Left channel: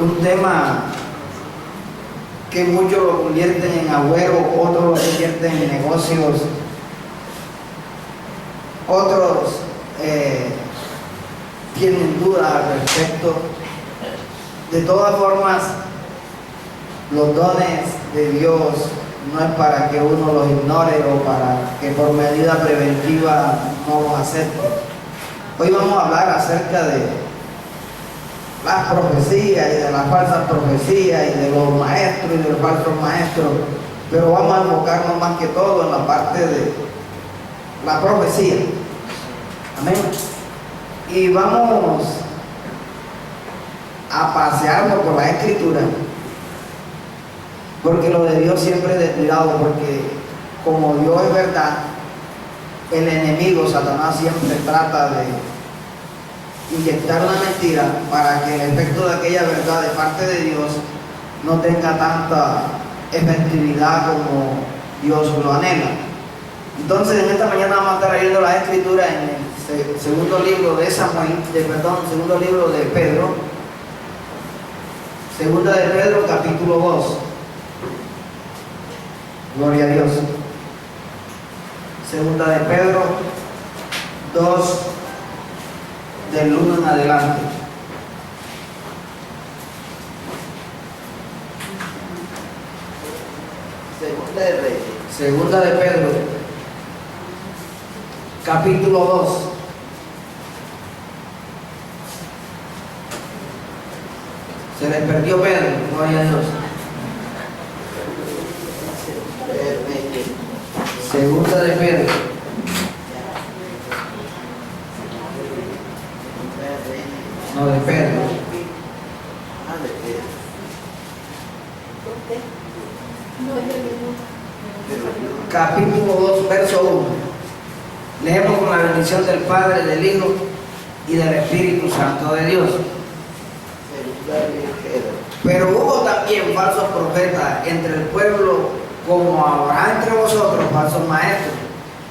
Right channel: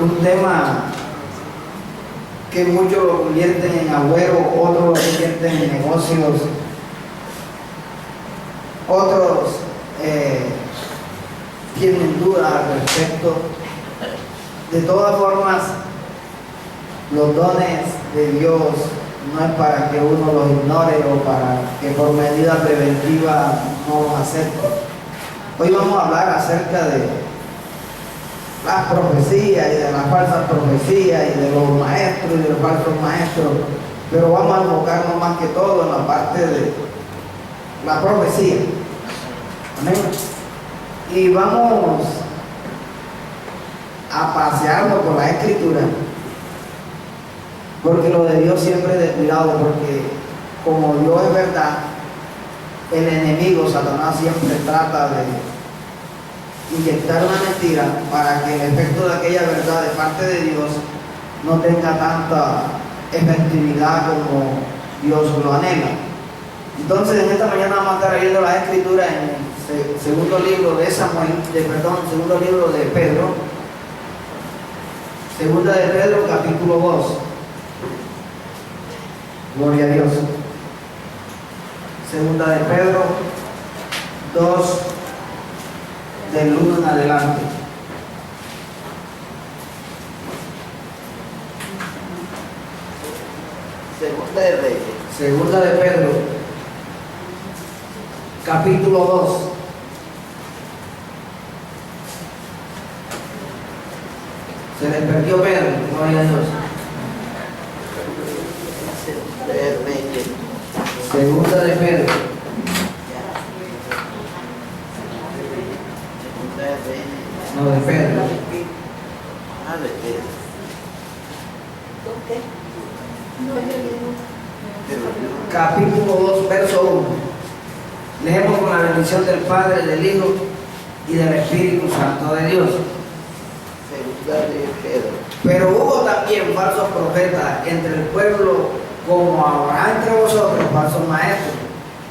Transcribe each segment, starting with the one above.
un tema que muchos lo convierten en agüero, otros lo convierten en negocios, otros tienen dudas al respecto. De todas formas, los dones de Dios no es para que uno los ignore o para que por medida preventiva no los acepte. Hoy vamos a hablar acerca de las profecías y de las falsas profecías y de los maestros y de los falsos maestros, pero vamos a enfocarnos más que todo en la parte de la profecía. Amén. Y vamos a pasearnos por la Escritura, porque lo de Dios siempre es descuidado, porque como Dios es verdad, el enemigo, Satanás, siempre trata de inyectar una mentira para que el efecto de aquella verdad de parte de Dios no tenga tanta efectividad como Dios lo anhela. Entonces, en esta mañana vamos a estar leyendo la Escritura en el segundo libro de segundo libro de Pedro, segunda de Pedro, capítulo 2. Gloria a Dios. Segunda de Pedro 2, del 1 en adelante. Segunda de Pedro, capítulo 2. Se les perdió Pedro, gloria a Dios. Segunda de Pedro. No, de Pedro. Capítulo 2, verso 1. Leemos con la bendición del Padre, del Hijo y del Espíritu Santo de Dios. Pero hubo también falsos profetas entre el pueblo, como habrá entre vosotros falsos maestros,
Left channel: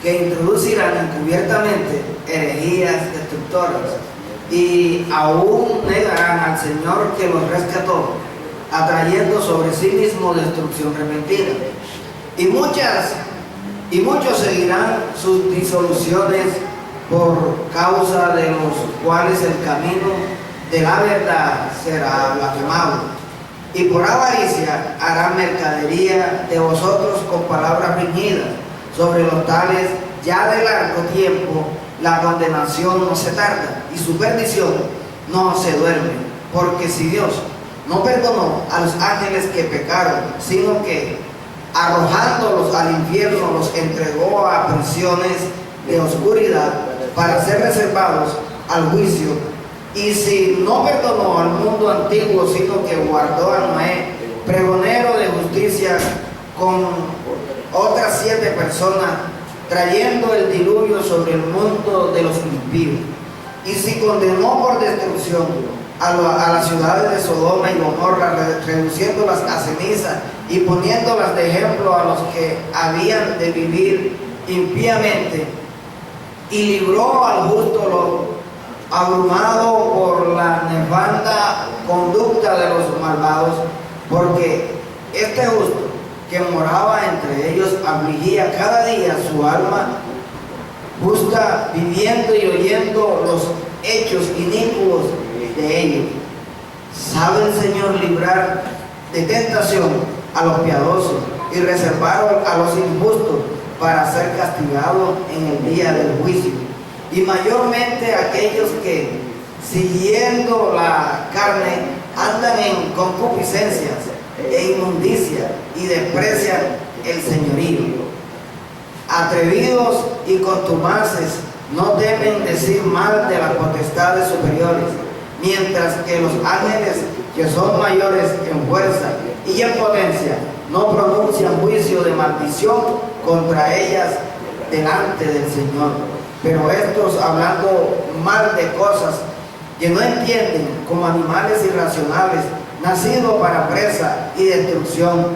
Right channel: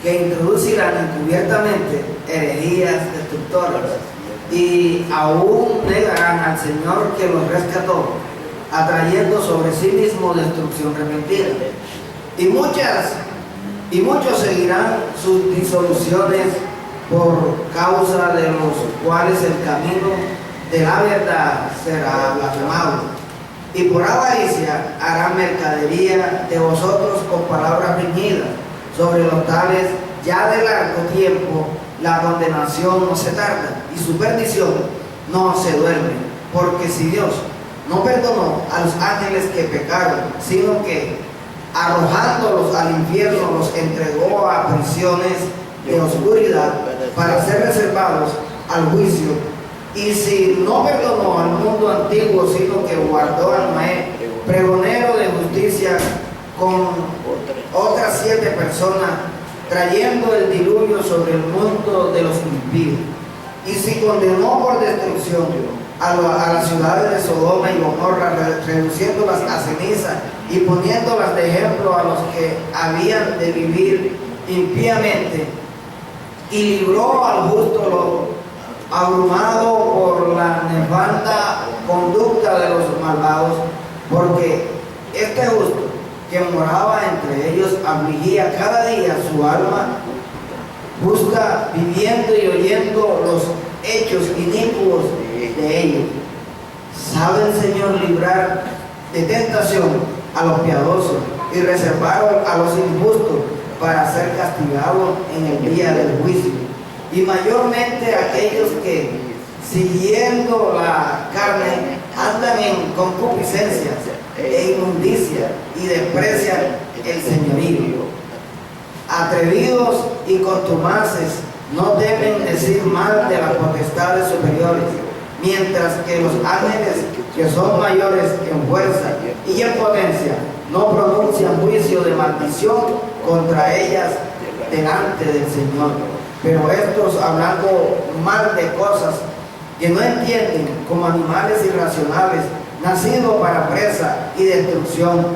que introducirán encubiertamente herejías destructoras, y aún negarán al Señor que los rescató, atrayendo sobre sí mismo destrucción repentina. Y muchos seguirán sus disoluciones, por causa de los cuales el camino de la verdad será blasfemado. Y por avaricia harán mercadería de vosotros con palabras fingidas. Sobre los tales ya de largo tiempo la condenación no se tarda y su perdición no se duerme. Porque si Dios no perdonó a los ángeles que pecaron, sino que arrojándolos al infierno los entregó a prisiones de oscuridad para ser reservados al juicio. Y si no perdonó al mundo antiguo, sino que guardó a Noé, pregonero de justicia, con otras 7 personas, trayendo el diluvio sobre el mundo de los impíos. Y si condenó por destrucción a las ciudades de Sodoma y Gomorra, reduciéndolas a ceniza y poniéndolas de ejemplo a los que habían de vivir impíamente, y libró al justo Lot, abrumado por la nefanda conducta de los malvados, porque este justo que moraba entre ellos afligía cada día su alma justa, viviendo y oyendo los hechos inicuos de ellos. Sabe el Señor librar de tentación a los piadosos y reservar a los injustos para ser castigados en el día del juicio. Y mayormente aquellos que, siguiendo la carne, andan en concupiscencias e inmundicia y desprecian el señorío. Atrevidos y contumaces no deben decir mal de las potestades superiores, mientras que los ángeles, que son mayores en fuerza y en potencia, no pronuncian juicio de maldición contra ellas delante del Señor. Pero estos, hablando mal de cosas que no entienden, como animales irracionales, nacidos para presa y destrucción,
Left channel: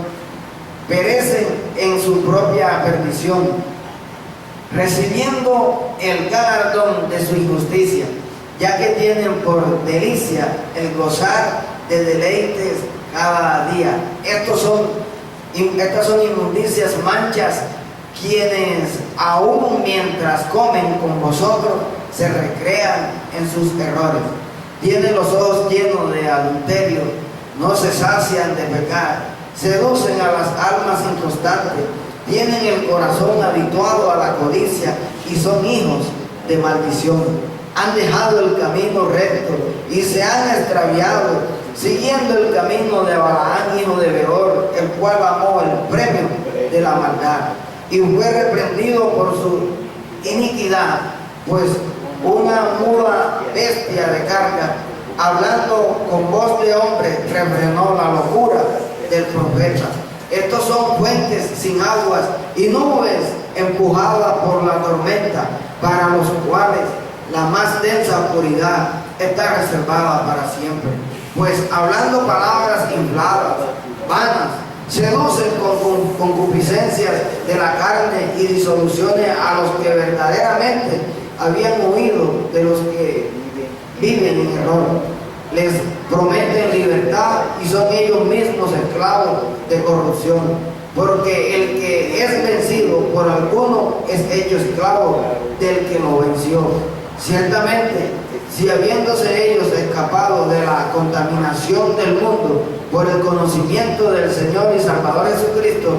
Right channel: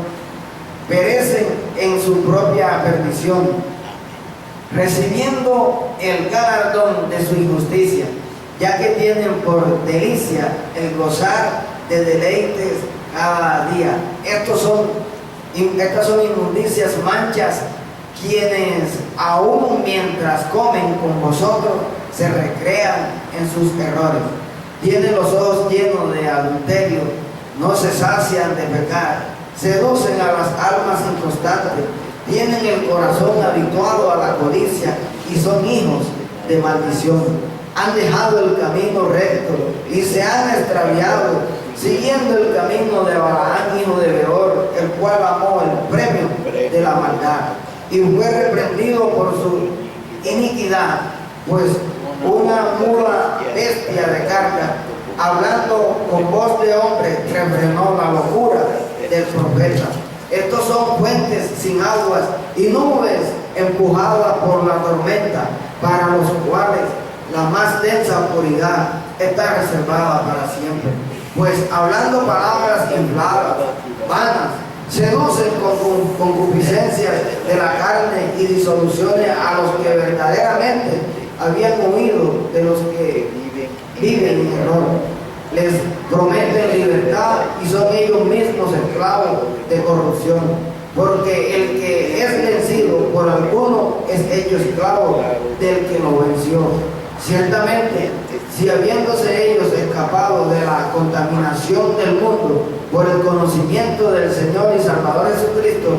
perecen en su propia perdición, recibiendo el galardón de su injusticia, ya que tienen por delicia el gozar de deleites cada día. Estas son inmundicias, manchas, quienes aún mientras comen con vosotros se recrean en sus errores. Tienen los ojos llenos de adulterio, no se sacian de pecar, seducen a las almas inconstantes, tienen el corazón habituado a la codicia y son hijos de maldición. Han dejado el camino recto y se han extraviado, siguiendo el camino de Balaam, hijo de Beor, el cual amó el premio de la maldad y fue reprendido por su iniquidad, pues una muda bestia de carga, hablando con voz de hombre, refrenó la locura del profeta. Estos son fuentes sin aguas y nubes empujadas por la tormenta, para los cuales la más densa oscuridad está reservada para siempre. Pues hablando palabras infladas, vanas, seducen con concupiscencias de la carne y disoluciones a los que verdaderamente habían huido de los que viven en error. Les prometen libertad y son ellos mismos esclavos de corrupción. Porque el que es vencido por alguno es hecho esclavo del que lo venció. Ciertamente, si habiéndose ellos escapado de la contaminación del mundo por el conocimiento del Señor y Salvador Jesucristo,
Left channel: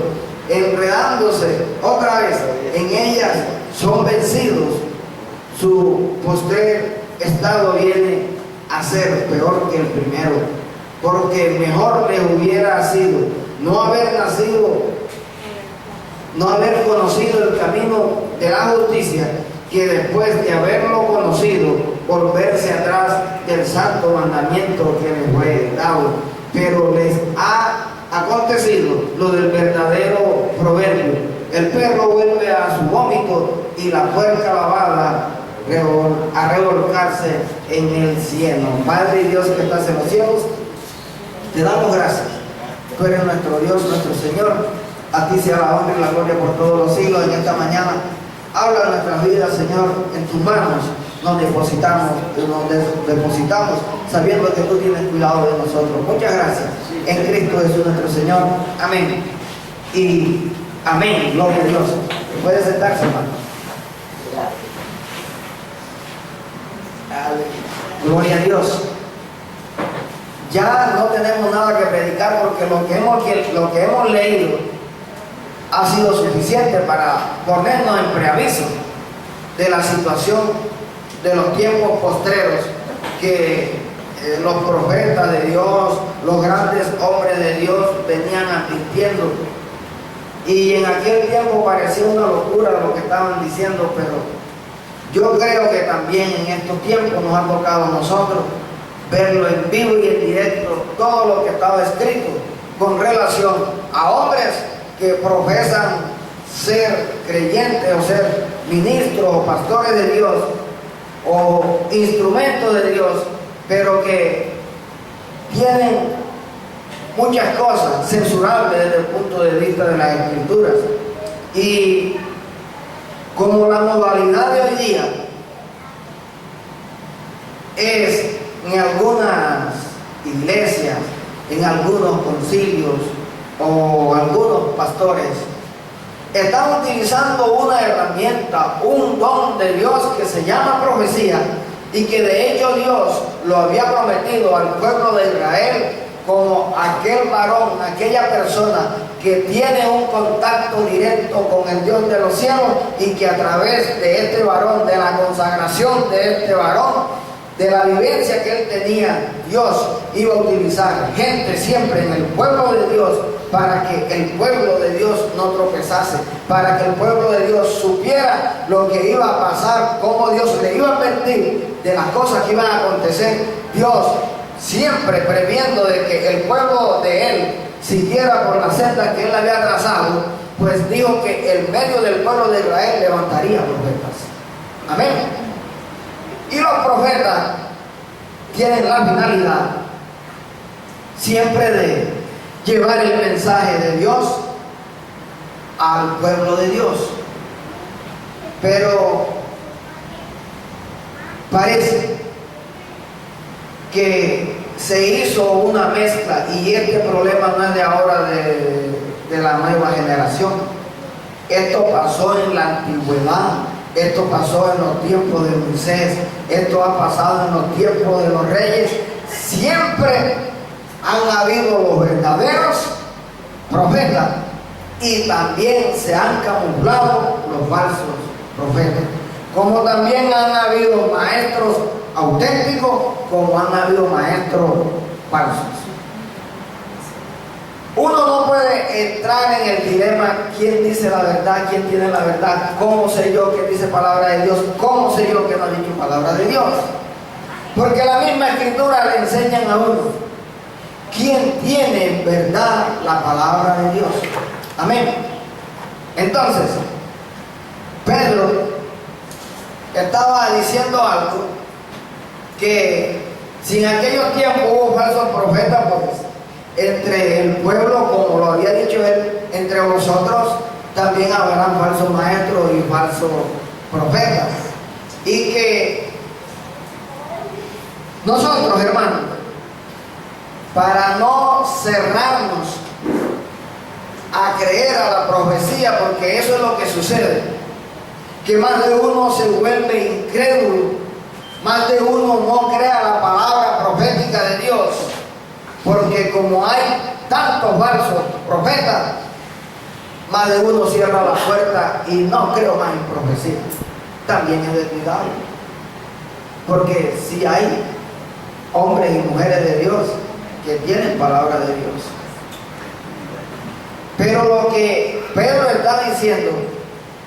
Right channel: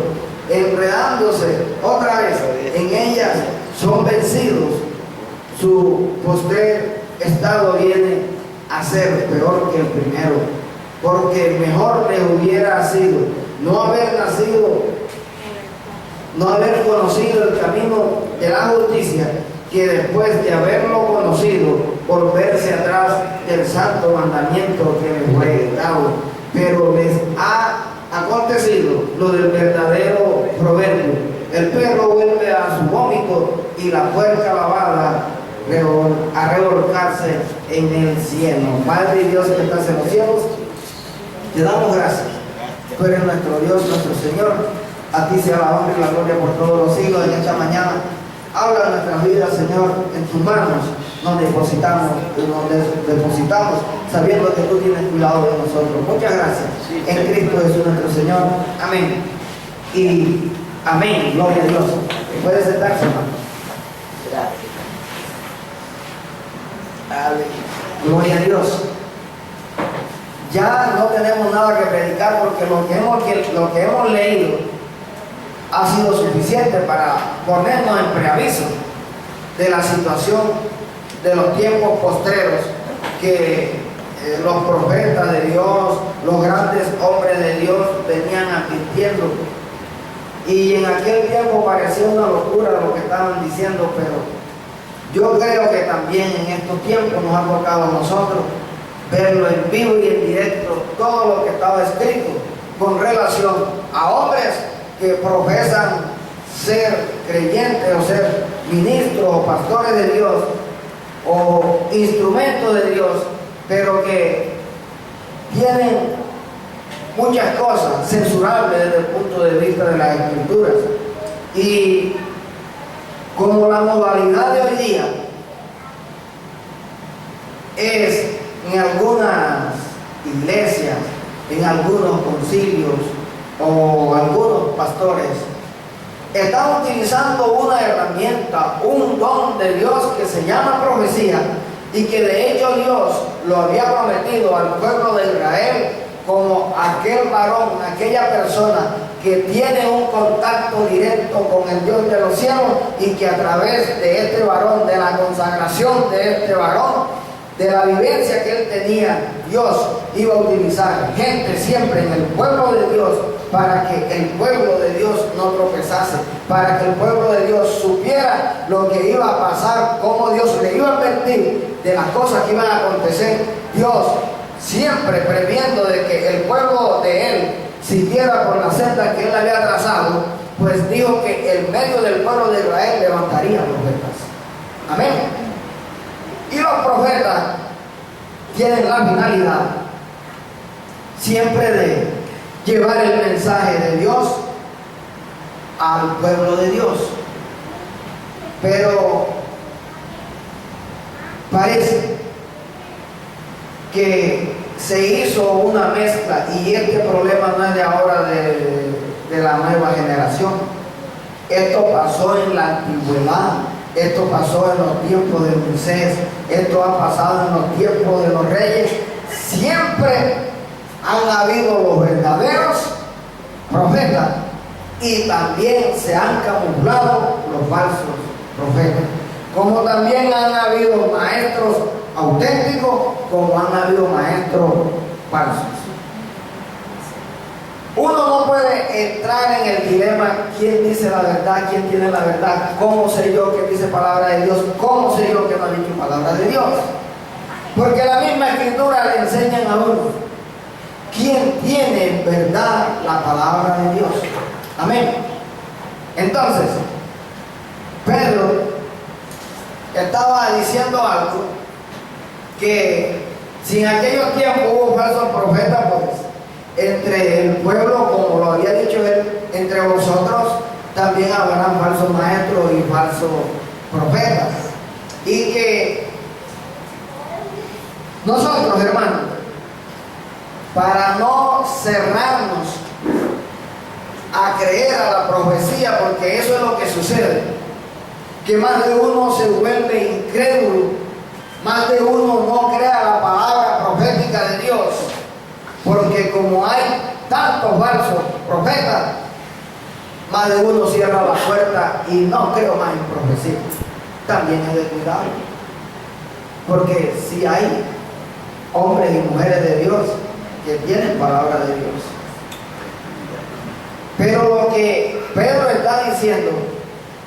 enredándose otra vez en ellas, son vencidos, su postrer estado viene a ser peor que el primero, porque mejor les hubiera sido no haber conocido el camino de la justicia, que después de haberlo conocido, volverse atrás del santo mandamiento que les fue dado. Pero les ha acontecido lo del verdadero proverbio: el perro vuelve a su vómito y la puerca lavada a revolcarse en el cielo. Padre y Dios que estás en los cielos, te damos gracias. Tú eres nuestro Dios, nuestro Señor. A ti sea la honra y la gloria por todos los siglos. En esta mañana habla nuestras vidas, Señor, en tus manos nos depositamos sabiendo que tú tienes cuidado de nosotros. Muchas gracias. En Cristo Jesús nuestro Señor. Amén. Y amén. Gloria a Dios. Puede sentarse, hermano. Gloria a Dios. Ya no tenemos nada que predicar, porque lo que hemos leído ha sido suficiente para ponernos en preaviso de la situación de los tiempos postreros que los profetas de Dios, los grandes hombres de Dios venían advirtiendo. Y en aquel tiempo parecía una locura lo que estaban diciendo, pero yo creo que también en estos tiempos nos ha tocado a nosotros verlo en vivo y en directo, todo lo que estaba escrito con relación a hombres que profesan ser creyentes o ser ministros o pastores de Dios o instrumentos de Dios, pero que tienen muchas cosas censurables desde el punto de vista de las Escrituras. Y como la modalidad de hoy día es en algunas iglesias, en algunos concilios o algunos pastores, están utilizando una herramienta, un don de Dios que se llama profecía, y que de hecho Dios lo había prometido al pueblo de Israel como aquel varón, aquella persona que tiene un contacto directo con el Dios de los cielos, y que a través de este varón, de la consagración de este varón, de la vivencia que él tenía, Dios iba a utilizar gente siempre en el pueblo de Dios para que el pueblo de Dios no tropezase, para que el pueblo de Dios supiera lo que iba a pasar, cómo Dios le iba a advertir de las cosas que iban a acontecer. Dios siempre previendo de que el pueblo de él siguiera por la senda que él había trazado, pues dijo que en medio del pueblo de Israel levantaría profetas. Amén. Y los profetas tienen la finalidad siempre de llevar el mensaje de Dios al pueblo de Dios. Pero parece que se hizo una mezcla, y este problema no es de ahora de la nueva generación. Esto pasó en la antigüedad, esto pasó en los tiempos de Moisés, esto ha pasado en los tiempos de los reyes. Siempre han habido los verdaderos profetas y también se han camuflado los falsos profetas. Como también han habido maestros auténticos, como han habido maestros falsos. Uno no puede entrar en el dilema: ¿quién dice la verdad? ¿Quién tiene la verdad? ¿Cómo sé yo que dice palabra de Dios? ¿Cómo sé yo que no ha dicho palabra de Dios? Porque la misma escritura le enseñan a uno quién tiene en verdad la palabra de Dios. Amén. Entonces, Pedro estaba diciendo algo, que si en aquellos tiempos hubo falsos profetas, pues entre el pueblo, como lo había dicho él, entre vosotros también habrán falsos maestros y falsos profetas. Y que nosotros, hermanos, para no cerrarnos a creer a la profecía, porque eso es lo que sucede, que más de uno se vuelve incrédulo, más de uno no crea la palabra profética de Dios, porque como hay tantos falsos profetas, más de uno cierra la puerta y no creo más en profecía. También es de cuidado, porque si hay hombres y mujeres de Dios que tienen palabra de Dios. Pero lo que Pedro está diciendo,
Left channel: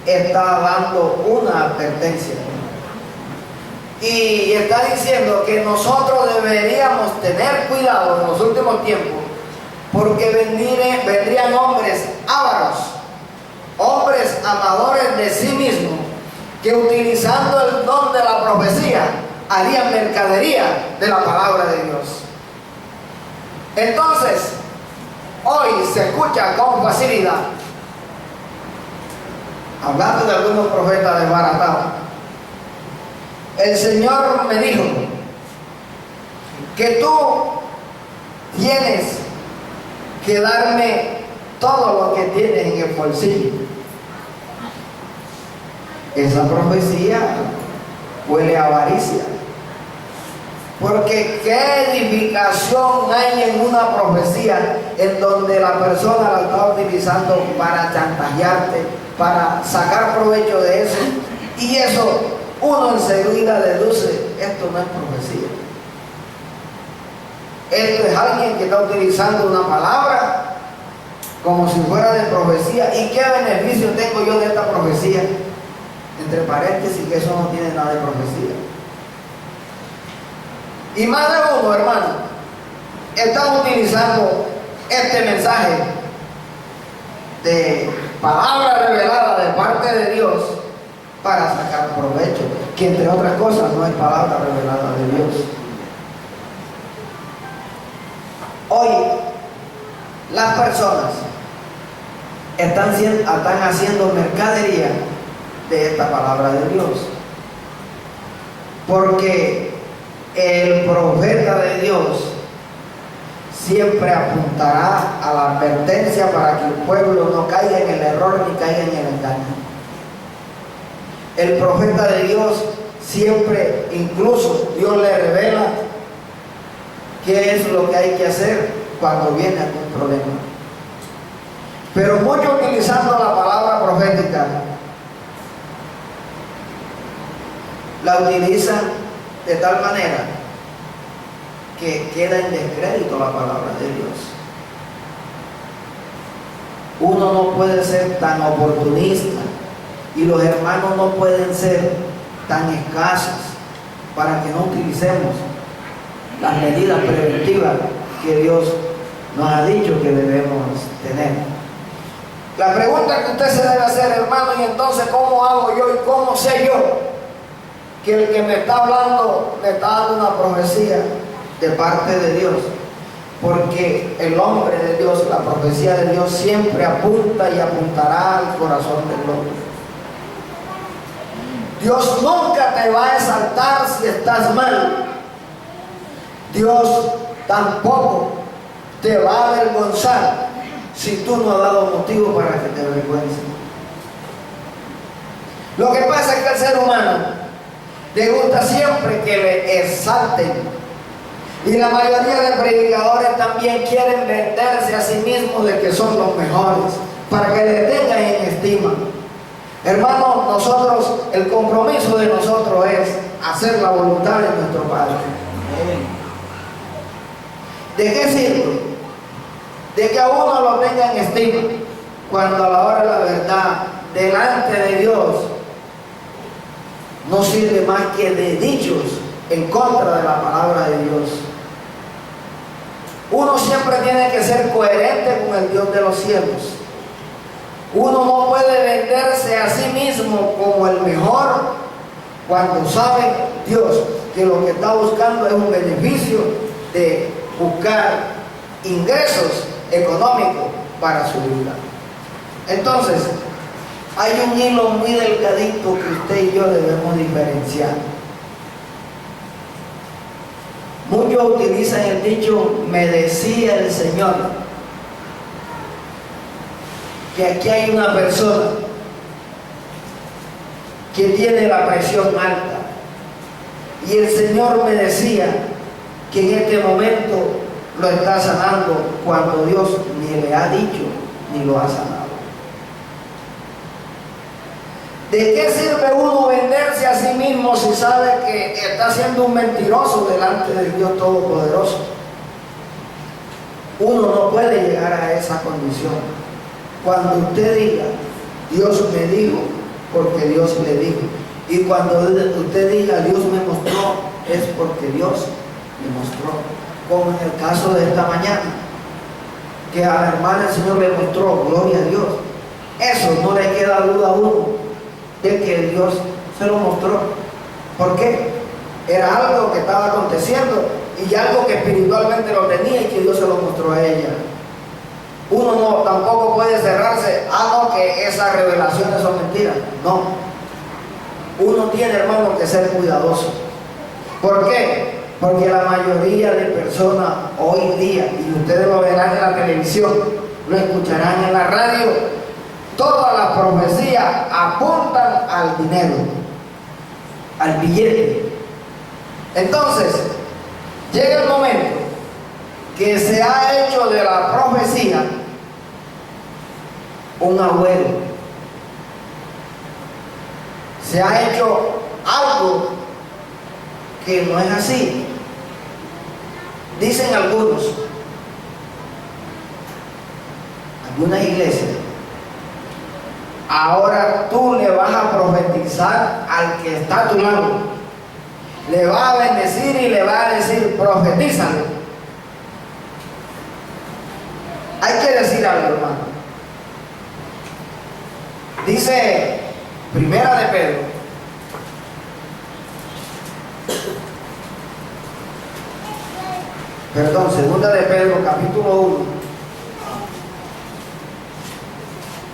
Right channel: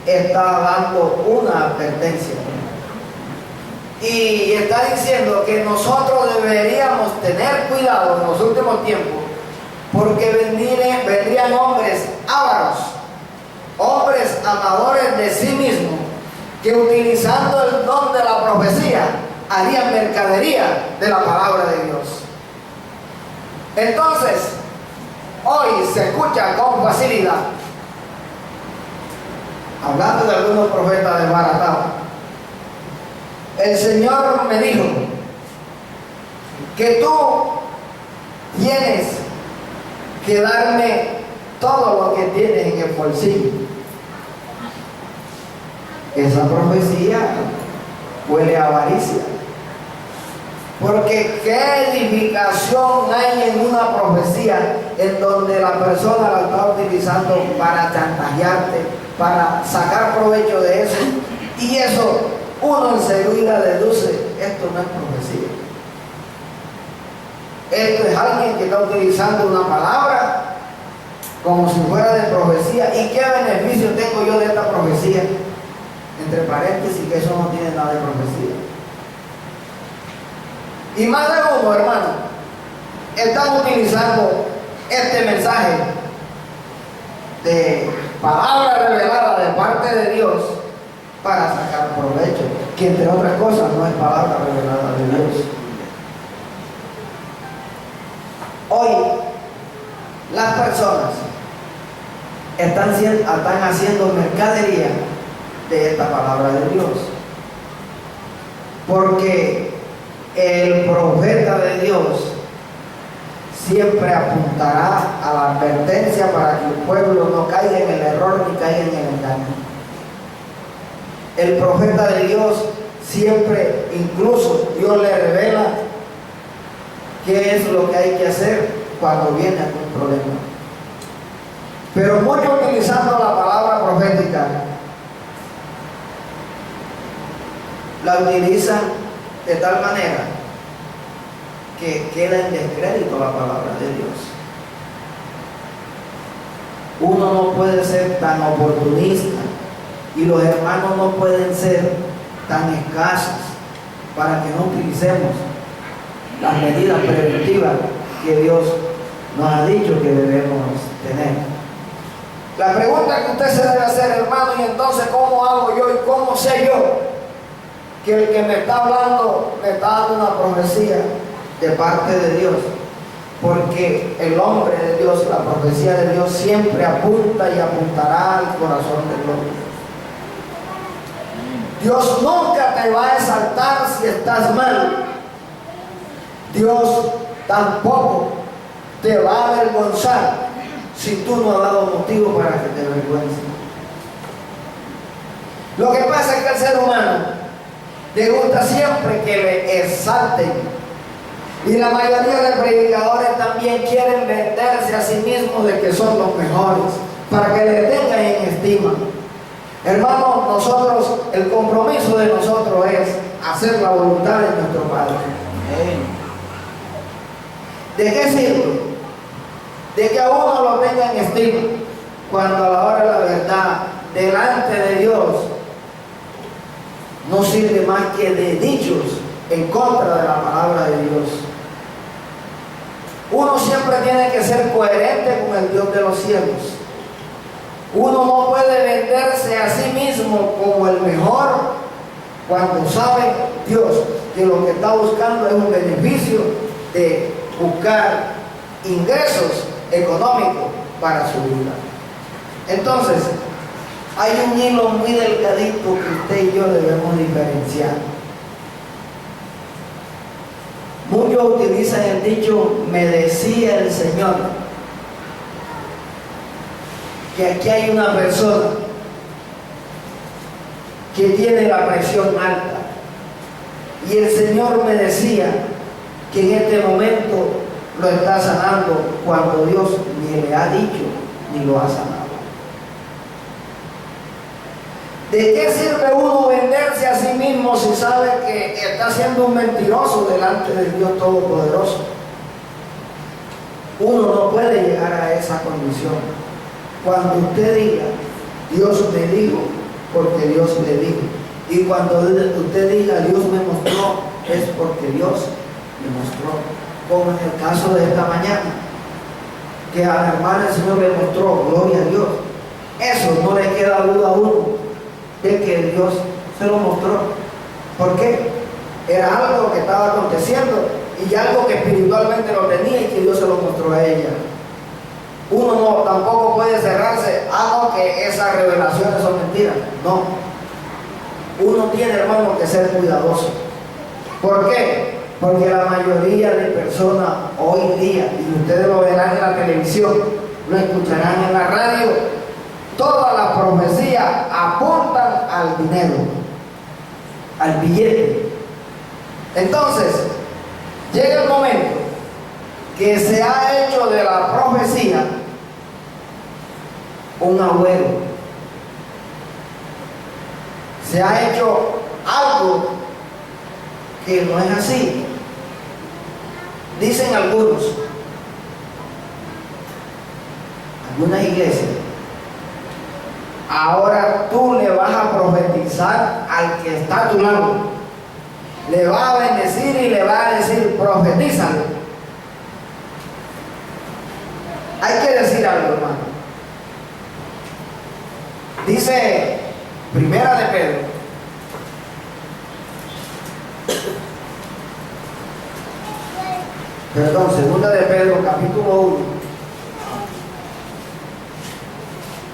está dando una advertencia. Y está diciendo que nosotros deberíamos tener cuidado en los últimos tiempos, porque vendrían hombres ávaros, hombres amadores de sí mismos, que utilizando el don de la profecía harían mercadería de la palabra de Dios. Entonces, hoy se escucha con facilidad, hablando de algunos profetas desbaratados: el Señor me dijo que tú tienes que darme todo lo que tienes en el bolsillo. Esa profecía huele a avaricia, porque ¿qué edificación hay en una profecía en donde la persona la está utilizando para chantajearte, para sacar provecho de eso? Y eso uno enseguida deduce: esto no es profecía. Esto es alguien que está utilizando una palabra como si fuera de profecía. ¿Y qué beneficio tengo yo de esta profecía? Entre paréntesis, que eso no tiene nada de profecía. Y más de uno, hermano, están utilizando este mensaje de palabra revelada de parte de Dios para sacar provecho, que entre otras cosas no es palabra revelada de Dios. Hoy las personas están haciendo mercadería de esta palabra de Dios, porque el profeta de Dios siempre apuntará a la advertencia para que el pueblo no caiga en el error ni caiga en el engaño. El profeta de Dios siempre, incluso Dios le revela qué es lo que hay que hacer cuando viene algún problema. Pero muchos, utilizando la palabra profética, la utilizan de tal manera que queda en descrédito la palabra de Dios. Uno no puede ser tan oportunista y los hermanos no pueden ser tan escasos para que no utilicemos las medidas preventivas que Dios nos ha dicho que debemos tener. La pregunta que usted se debe hacer, hermano: y entonces, ¿cómo hago yo y cómo sé yo que el que me está hablando me está dando una profecía de parte de Dios? Porque el hombre de Dios, la profecía de Dios, siempre apunta y apuntará al corazón del hombre. Dios nunca te va a exaltar si estás mal. Dios tampoco te va a avergonzar si tú no has dado motivo para que te avergüences. Lo que pasa es que al ser humano le gusta siempre que le exalten. Y la mayoría de predicadores también quieren venderse a sí mismos de que son los mejores, para que le tengan en estima. Hermanos, nosotros, el compromiso de nosotros es hacer la voluntad de nuestro Padre. ¿De qué sirve? De que a uno lo tenga en estima, cuando a la hora de la verdad, delante de Dios, no sirve más que de dichos en contra de la palabra de Dios. Uno siempre tiene que ser coherente con el Dios de los cielos. Uno no puede venderse a sí mismo como el mejor cuando sabe Dios que lo que está buscando es un beneficio de buscar ingresos económicos para su vida. Entonces, hay un hilo muy delgadito que usted y yo debemos diferenciar. Muchos utilizan el dicho, me decía el Señor, que aquí hay una persona que tiene la presión alta y el Señor me decía que en este momento lo está sanando cuando Dios ni le ha dicho ni lo ha sanado. ¿De qué sirve uno venderse a sí mismo si sabe que está siendo un mentiroso delante del Dios Todopoderoso? Uno no puede llegar a esa condición. Cuando usted diga, Dios me dijo, porque Dios le dijo. Y cuando usted diga, Dios me mostró, es porque Dios le mostró. Como en el caso de esta mañana, que a la hermana el Señor le mostró, gloria a Dios. Eso no le queda duda a uno de que Dios se lo mostró. ¿Por qué? Era algo que estaba aconteciendo y algo que espiritualmente lo tenía y que Dios se lo mostró a ella. Uno no tampoco puede cerrarse, no, que esas revelaciones son mentiras. No. Uno tiene, hermano, que ser cuidadoso. ¿Por qué? Porque la mayoría de personas hoy día, y ustedes lo verán en la televisión, lo escucharán en la radio, todas las profecías apuntan al dinero, al billete. Entonces, llega el momento que se ha hecho de la profecía un agüero. Se ha hecho algo que no es así. Dicen algunas iglesias, ahora tú le vas a profetizar al que está a tu lado, le va a bendecir y le va a decir, profetízalo. Hay que decir algo, hermano. Dice Primera de Pedro, Segunda de Pedro, capítulo 1,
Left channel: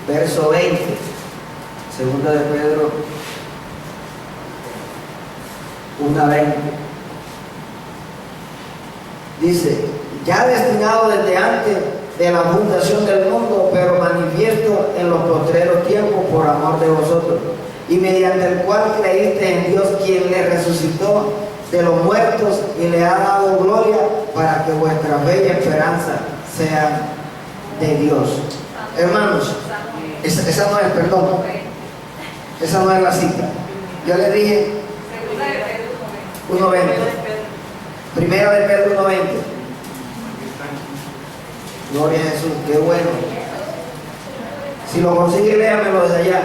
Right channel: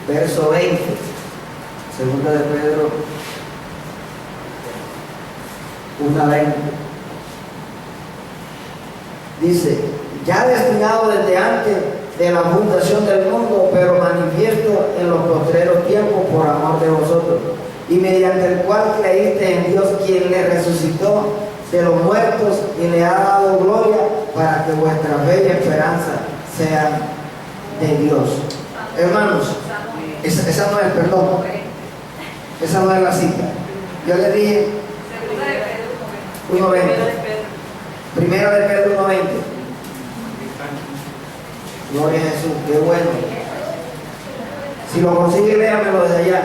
verso 20. Segunda de Pedro 1:20. Dice, ya destinado desde antes de la fundación del mundo, pero manifiesto en los postreros tiempos por amor de vosotros, y mediante el cual creíste en Dios, quien le resucitó de los muertos y le ha dado gloria, para que vuestra fe y esperanza sean de Dios. Hermanos, esa no es, perdón, esa no es la cita. Yo le dije 1:20. Primera de Pedro 1:20. Gloria a Jesús, qué bueno. Si lo consigue, léamelo desde allá.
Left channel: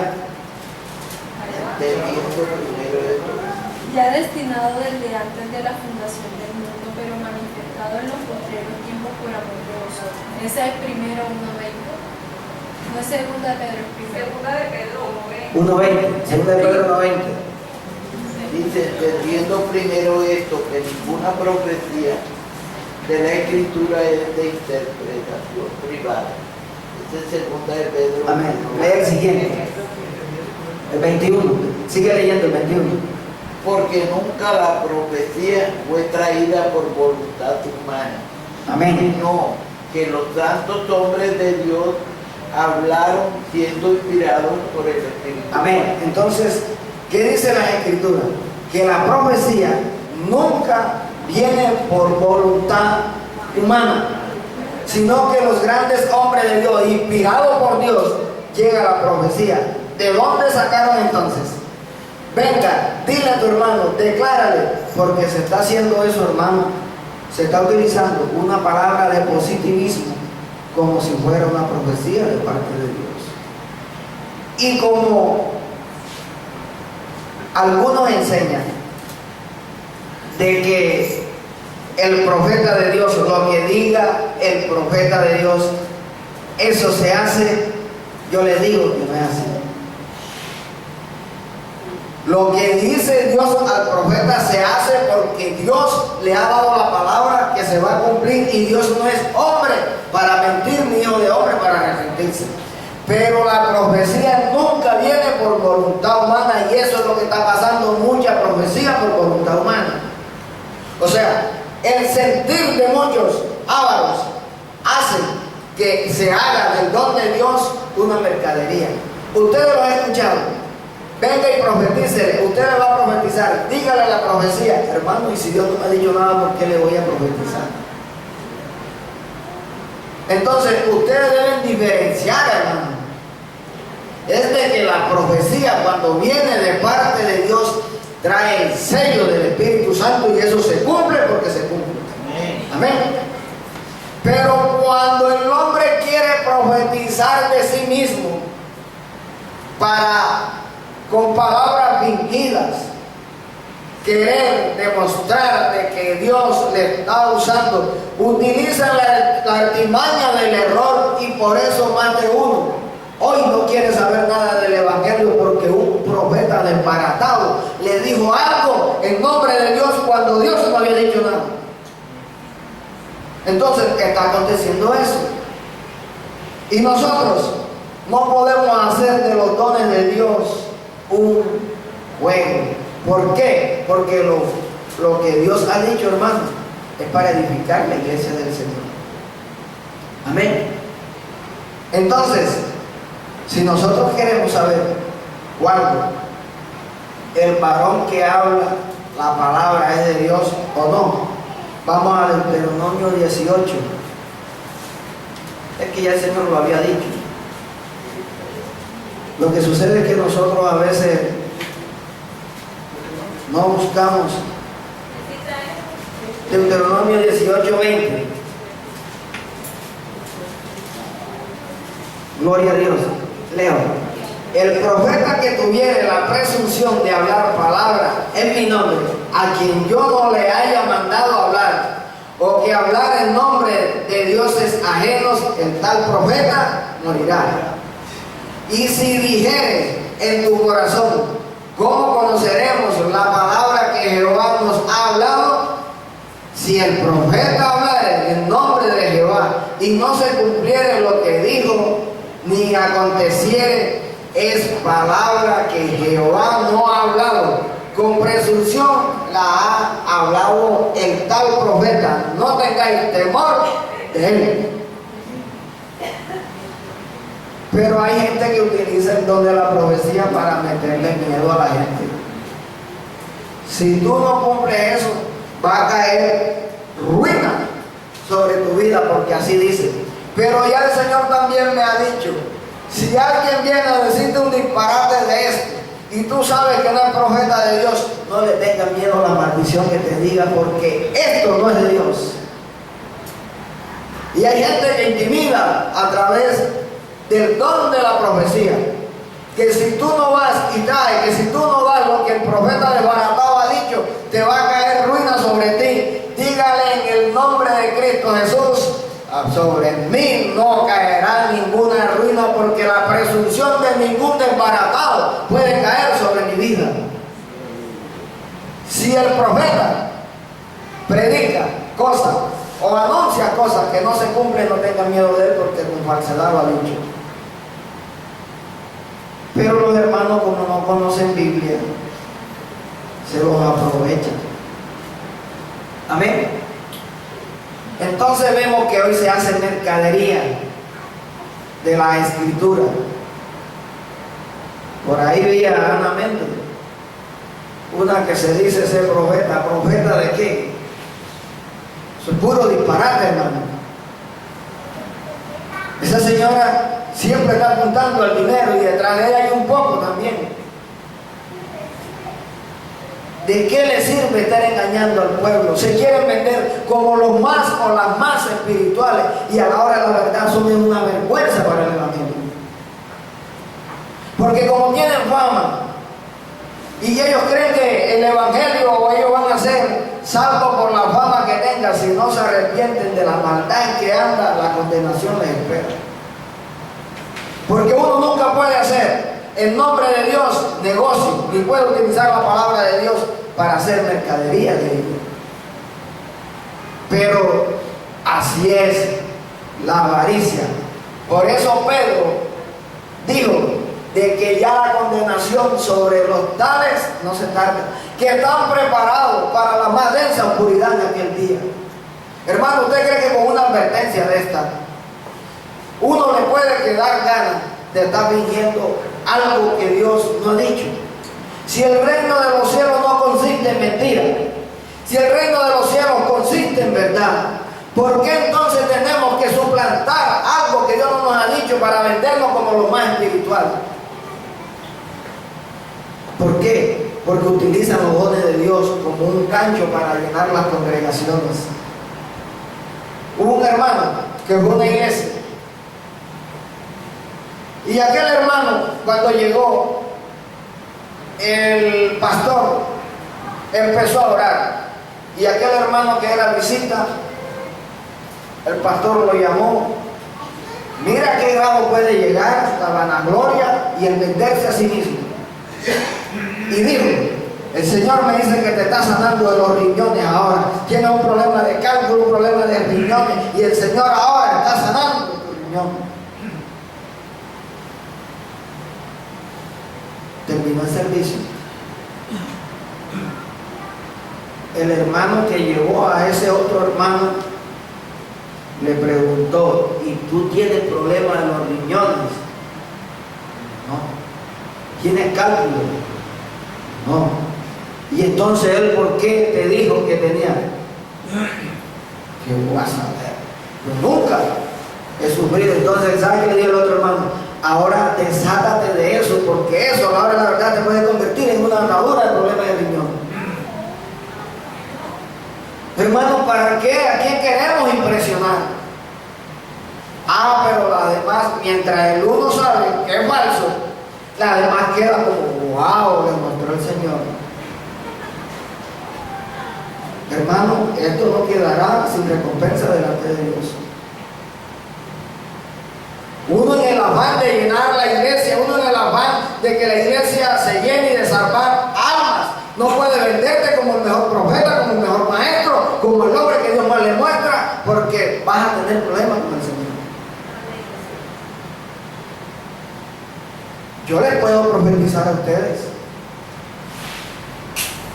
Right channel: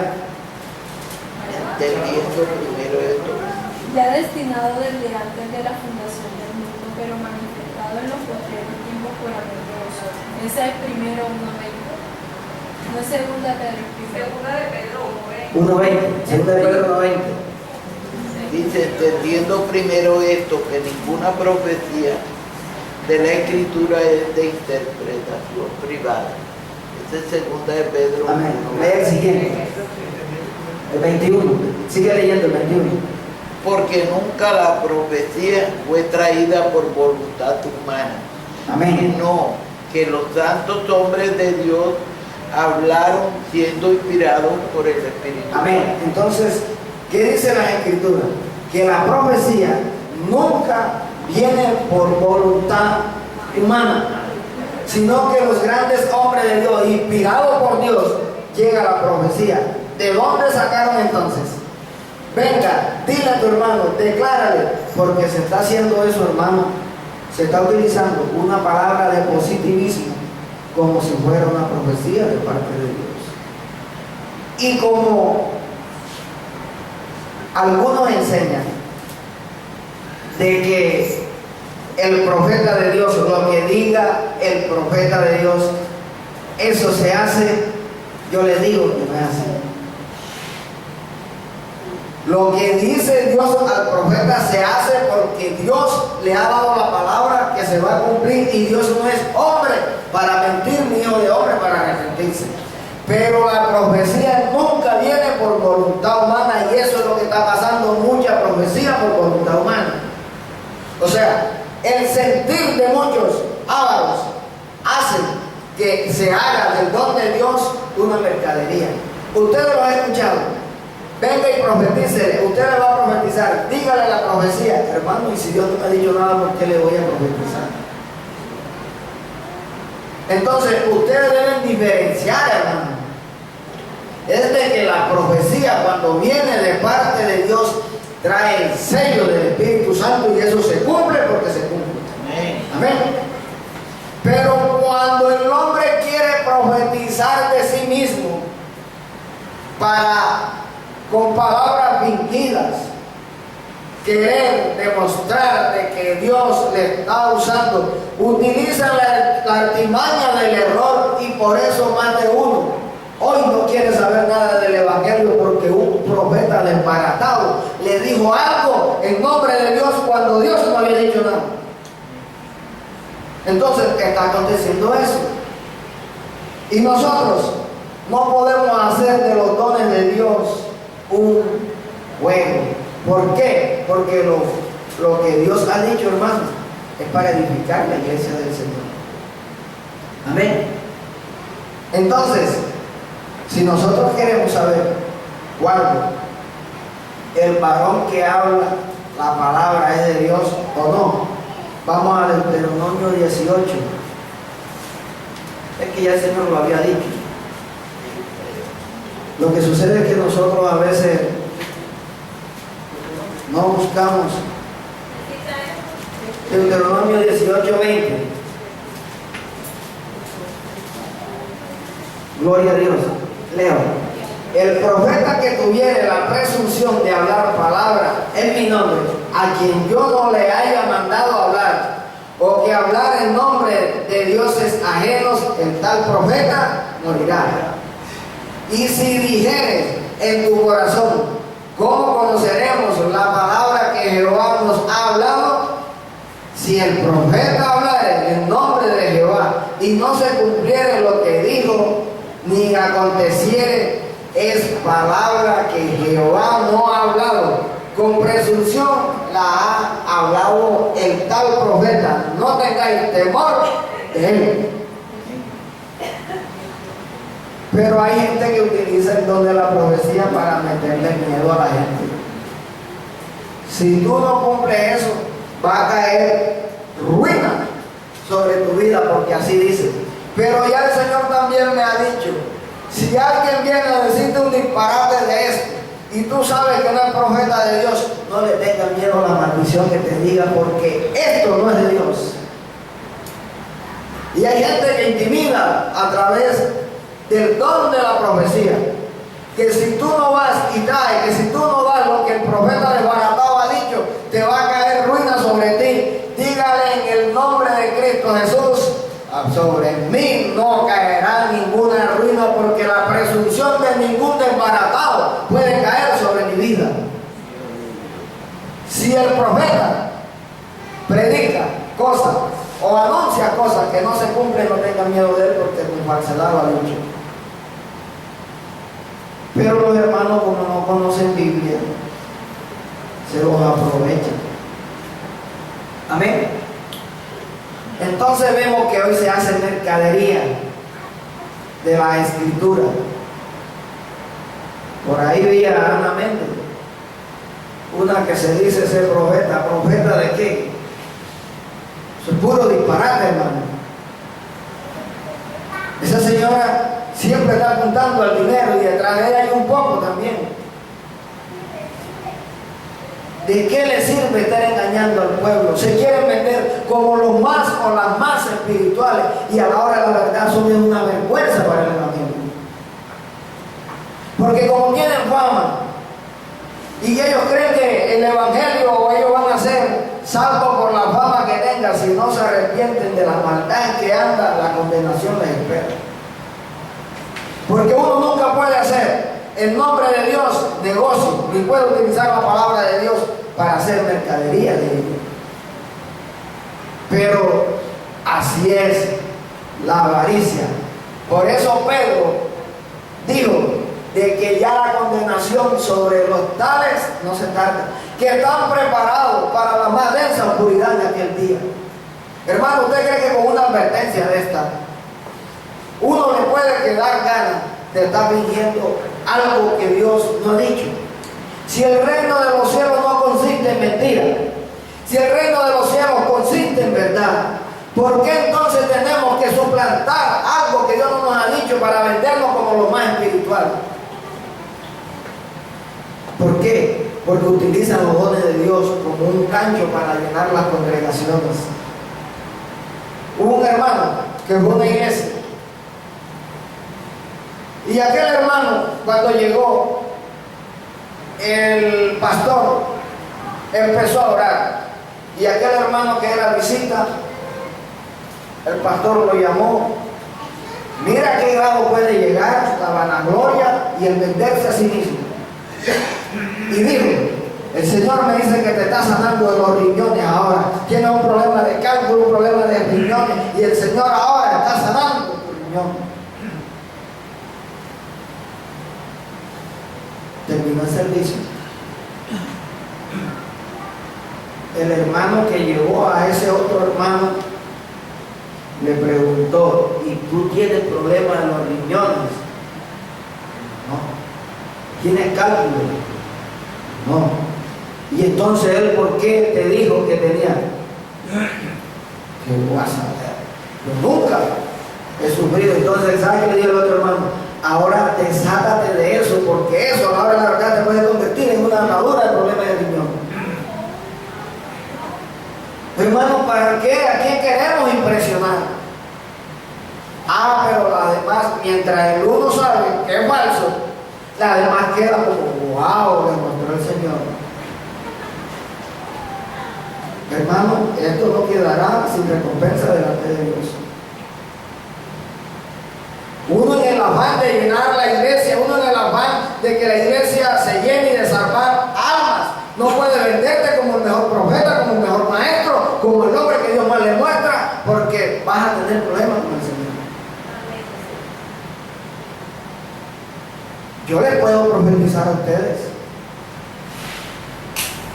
Ya destinado desde antes de la fundación del mundo, pero manifestado en los postreros tiempos por amor de vosotros. Esa es primero 1:20. No es segunda de Pedro, es primero. Segunda de Pedro 1:20. Segunda de Pedro 1:20. Dice, entendiendo primero esto, que ninguna profecía de la Escritura es de interpretación privada. Esta es segunda de Pedro. Amén. Lea el siguiente. El 21. Sigue leyendo el 21. Porque nunca la profecía fue traída por voluntad humana, Amén. No, que los santos hombres de Dios hablaron siendo inspirados por el Espíritu. Amén. Entonces, ¿qué dice la Escritura? Que la profecía nunca viene por voluntad humana, sino que los grandes hombres de Dios, inspirados por Dios, llega la profecía. ¿De dónde sacaron entonces? Venga, dile a tu hermano, declárale, porque se está haciendo eso, hermano. Se está utilizando una palabra de positivismo como si fuera una profecía de parte de Dios. Y como algunos enseñan de que el profeta de Dios, lo que diga el profeta de Dios, eso se hace, yo les digo que no es así. Lo que dice Dios al profeta se hace porque Dios le ha dado la palabra que se va a cumplir, y Dios no es hombre para mentir, ni hijo de hombre para arrepentirse. Pero la profecía nunca viene por voluntad humana, y eso es lo que está pasando, mucha profecía por voluntad humana. O sea, el sentir de muchos ávaros hace que se haga del don de Dios una mercadería. Ustedes lo han escuchado. Venga y profetícele, usted le va a profetizar, dígale la profecía. Hermano, y si Dios no me ha dicho nada, ¿por qué le voy a profetizar? Entonces, ustedes deben diferenciar, hermano. Es de que la profecía, cuando viene de parte de Dios, trae el sello del Espíritu Santo, y eso se cumple porque se cumple. Amén. Pero cuando el hombre quiere profetizar de sí mismo con palabras fingidas, querer demostrar de que Dios le está usando, utiliza la artimaña del error, y por eso más de uno hoy no quiere saber nada del Evangelio, porque un profeta desbaratado le dijo algo en nombre de Dios cuando Dios no había dicho nada. Entonces está aconteciendo eso, y nosotros no podemos hacer de los dones de Dios un juego. ¿Por qué? Porque lo que Dios ha dicho, hermano, es para edificar la iglesia del Señor. Amén. Entonces, si nosotros queremos saber cuándo el varón que habla la palabra es de Dios o no, vamos al Deuteronomio 18. Es que ya el Señor lo había dicho. Lo que sucede es que nosotros a veces no buscamos. Deuteronomio 18:20. Gloria a Dios. Leo. El profeta que tuviere la presunción de hablar palabra en mi nombre, a quien yo no le haya mandado hablar, o que hablar en nombre de dioses ajenos, el tal profeta morirá. Y si dijeres en tu corazón, ¿cómo conoceremos la palabra que Jehová nos ha hablado? Si el profeta hablare en nombre de Jehová y no se cumpliere lo que dijo, ni aconteciere, es palabra que Jehová no ha hablado. Con presunción la ha hablado el tal profeta. No tengáis temor de él. Pero hay gente que utiliza el don de la profecía para meterle miedo a la gente. Si tú no cumples eso, va a caer ruina sobre tu vida, porque así dice. Pero ya el Señor también me ha dicho, si alguien viene a decirte un disparate de esto, y tú sabes que no es profeta de Dios, no le tengas miedo a la maldición que te diga, porque esto no es de Dios. Y hay gente que intimida a través del don de la profecía, que si tú no vas y traes, que si tú no das lo que el profeta desbaratado ha dicho, te va a caer ruina sobre ti. Dígale en el nombre de Cristo Jesús, sobre mí no caerá ninguna ruina, porque la presunción de ningún desbaratado puede caer sobre mi vida. Si el profeta predica cosas o anuncia cosas que no se cumplen, no tengan miedo de él, porque con falsedad lo ha dicho. Pero los hermanos, como no conocen Biblia, se los aprovechan. Amén. Entonces vemos que hoy se hace mercadería de la escritura. Por ahí veía a Ana Méndez, una que se dice ser profeta. ¿Profeta de qué? Eso es puro disparate, hermano. Esa señora siempre está apuntando al dinero y detrás de ella hay un poco también. ¿De qué le sirve estar engañando al pueblo? Se quieren vender como los más o las más espirituales y a la hora de la verdad son una vergüenza para el evangelio. Porque como tienen fama y ellos creen que el evangelio o ellos van a ser salvos por la fama que tengan, si no se arrepienten de la maldad en que anda, la condenación les espera. Porque uno nunca puede hacer en nombre de Dios negocio, ni puede utilizar la palabra de Dios para hacer mercadería de ellos. Pero así es la avaricia. Por eso Pedro dijo de que ya la condenación sobre los tales no se tarda, que están preparados para la más densa oscuridad en aquel día. Hermano, ¿usted cree que con una advertencia de esta uno le puede quedar ganas de estar fingiendo algo que Dios no ha dicho? Si el reino de los cielos no consiste en mentira, si el reino de los cielos consiste en verdad, ¿por qué entonces tenemos que suplantar algo que Dios no nos ha dicho para vendernos como lo más espiritual? ¿Por qué? Porque utilizan los dones de Dios como un gancho para llenar las congregaciones. Hubo un hermano que fue a una iglesia y aquel hermano, cuando llegó, el pastor empezó a orar y aquel hermano que era visita, el pastor lo llamó. Mira qué grado puede llegar la vanagloria y el venderse a sí mismo. Y dijo: el Señor me dice que te está sanando de los riñones ahora. Tienes un problema de cálculo, un problema de riñones, y el Señor ahora está sanando tus riñones. Terminó el servicio. El hermano que llevó a ese otro hermano le preguntó: ¿y tú tienes problemas en los riñones? No. ¿Tienes cálculo? No. Y entonces él, ¿por qué te dijo que tenía? ¿Qué vas a ver? Yo nunca he sufrido. Entonces, ¿sabes qué le dijo el otro hermano? Ahora desátate de eso, porque eso a la hora de la verdad te puede convertir en una atadura de problemas de riñón. Hermano, ¿para qué? ¿A quién queremos impresionar? Pero la demás, mientras el uno sabe que es falso, la demás queda como: wow, le mostró el Señor. Hermano, esto no quedará sin recompensa delante de Dios. Uno en el afán de llenar la iglesia, uno en el afán de que la iglesia se llene y de salvar almas, no puede venderte como el mejor profeta, como el mejor maestro, como el hombre que Dios más le muestra, porque vas a tener problemas con el Señor. Yo les puedo profetizar a ustedes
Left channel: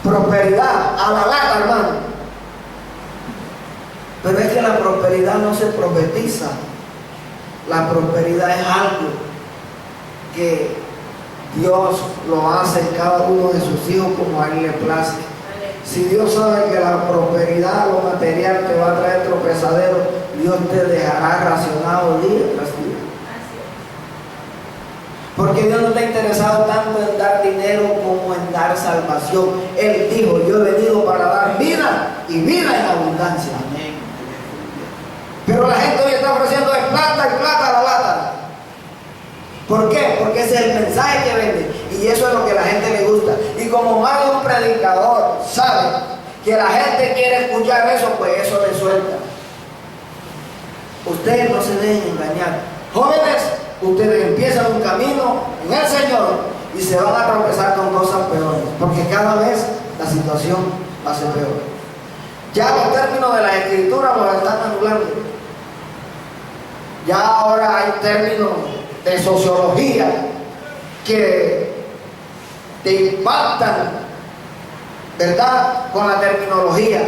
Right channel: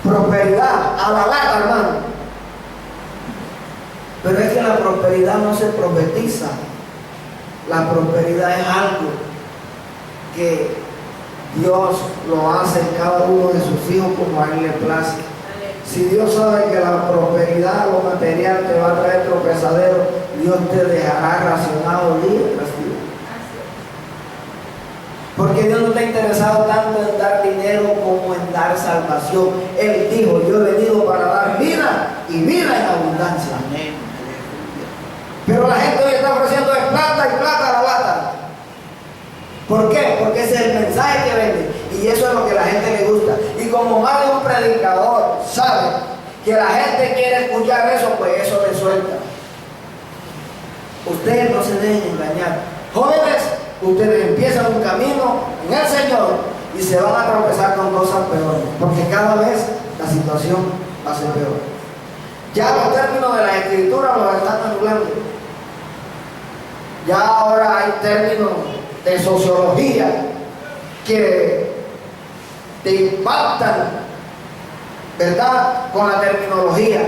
prosperidad a la lata, hermano, pero es que la prosperidad no se profetiza. La prosperidad es algo que Dios lo hace en cada uno de sus hijos como a Él le place. Si Dios sabe que la prosperidad, lo material te va a traer tropezadero, Dios te dejará racionado día tras día. Porque Dios no está interesado tanto en dar dinero como en dar salvación. Él dijo: yo he venido para dar vida y vida en abundancia. Amén. Pero la gente hoy está ofreciendo de plata y plata a la lata. ¿Por qué? Porque ese es el mensaje que vende. Y eso es lo que a la gente le gusta. Y como más de un predicador sabe que la gente quiere escuchar eso, pues eso le suelta. Ustedes no se dejen engañar. Jóvenes, ustedes empiezan un camino en el Señor y se van a tropezar con cosas peores. Porque cada vez la situación va a ser peor. Ya los términos de la escritura los están anulando. Ya ahora hay términos de sociología que te impactan, ¿verdad?, con la terminología.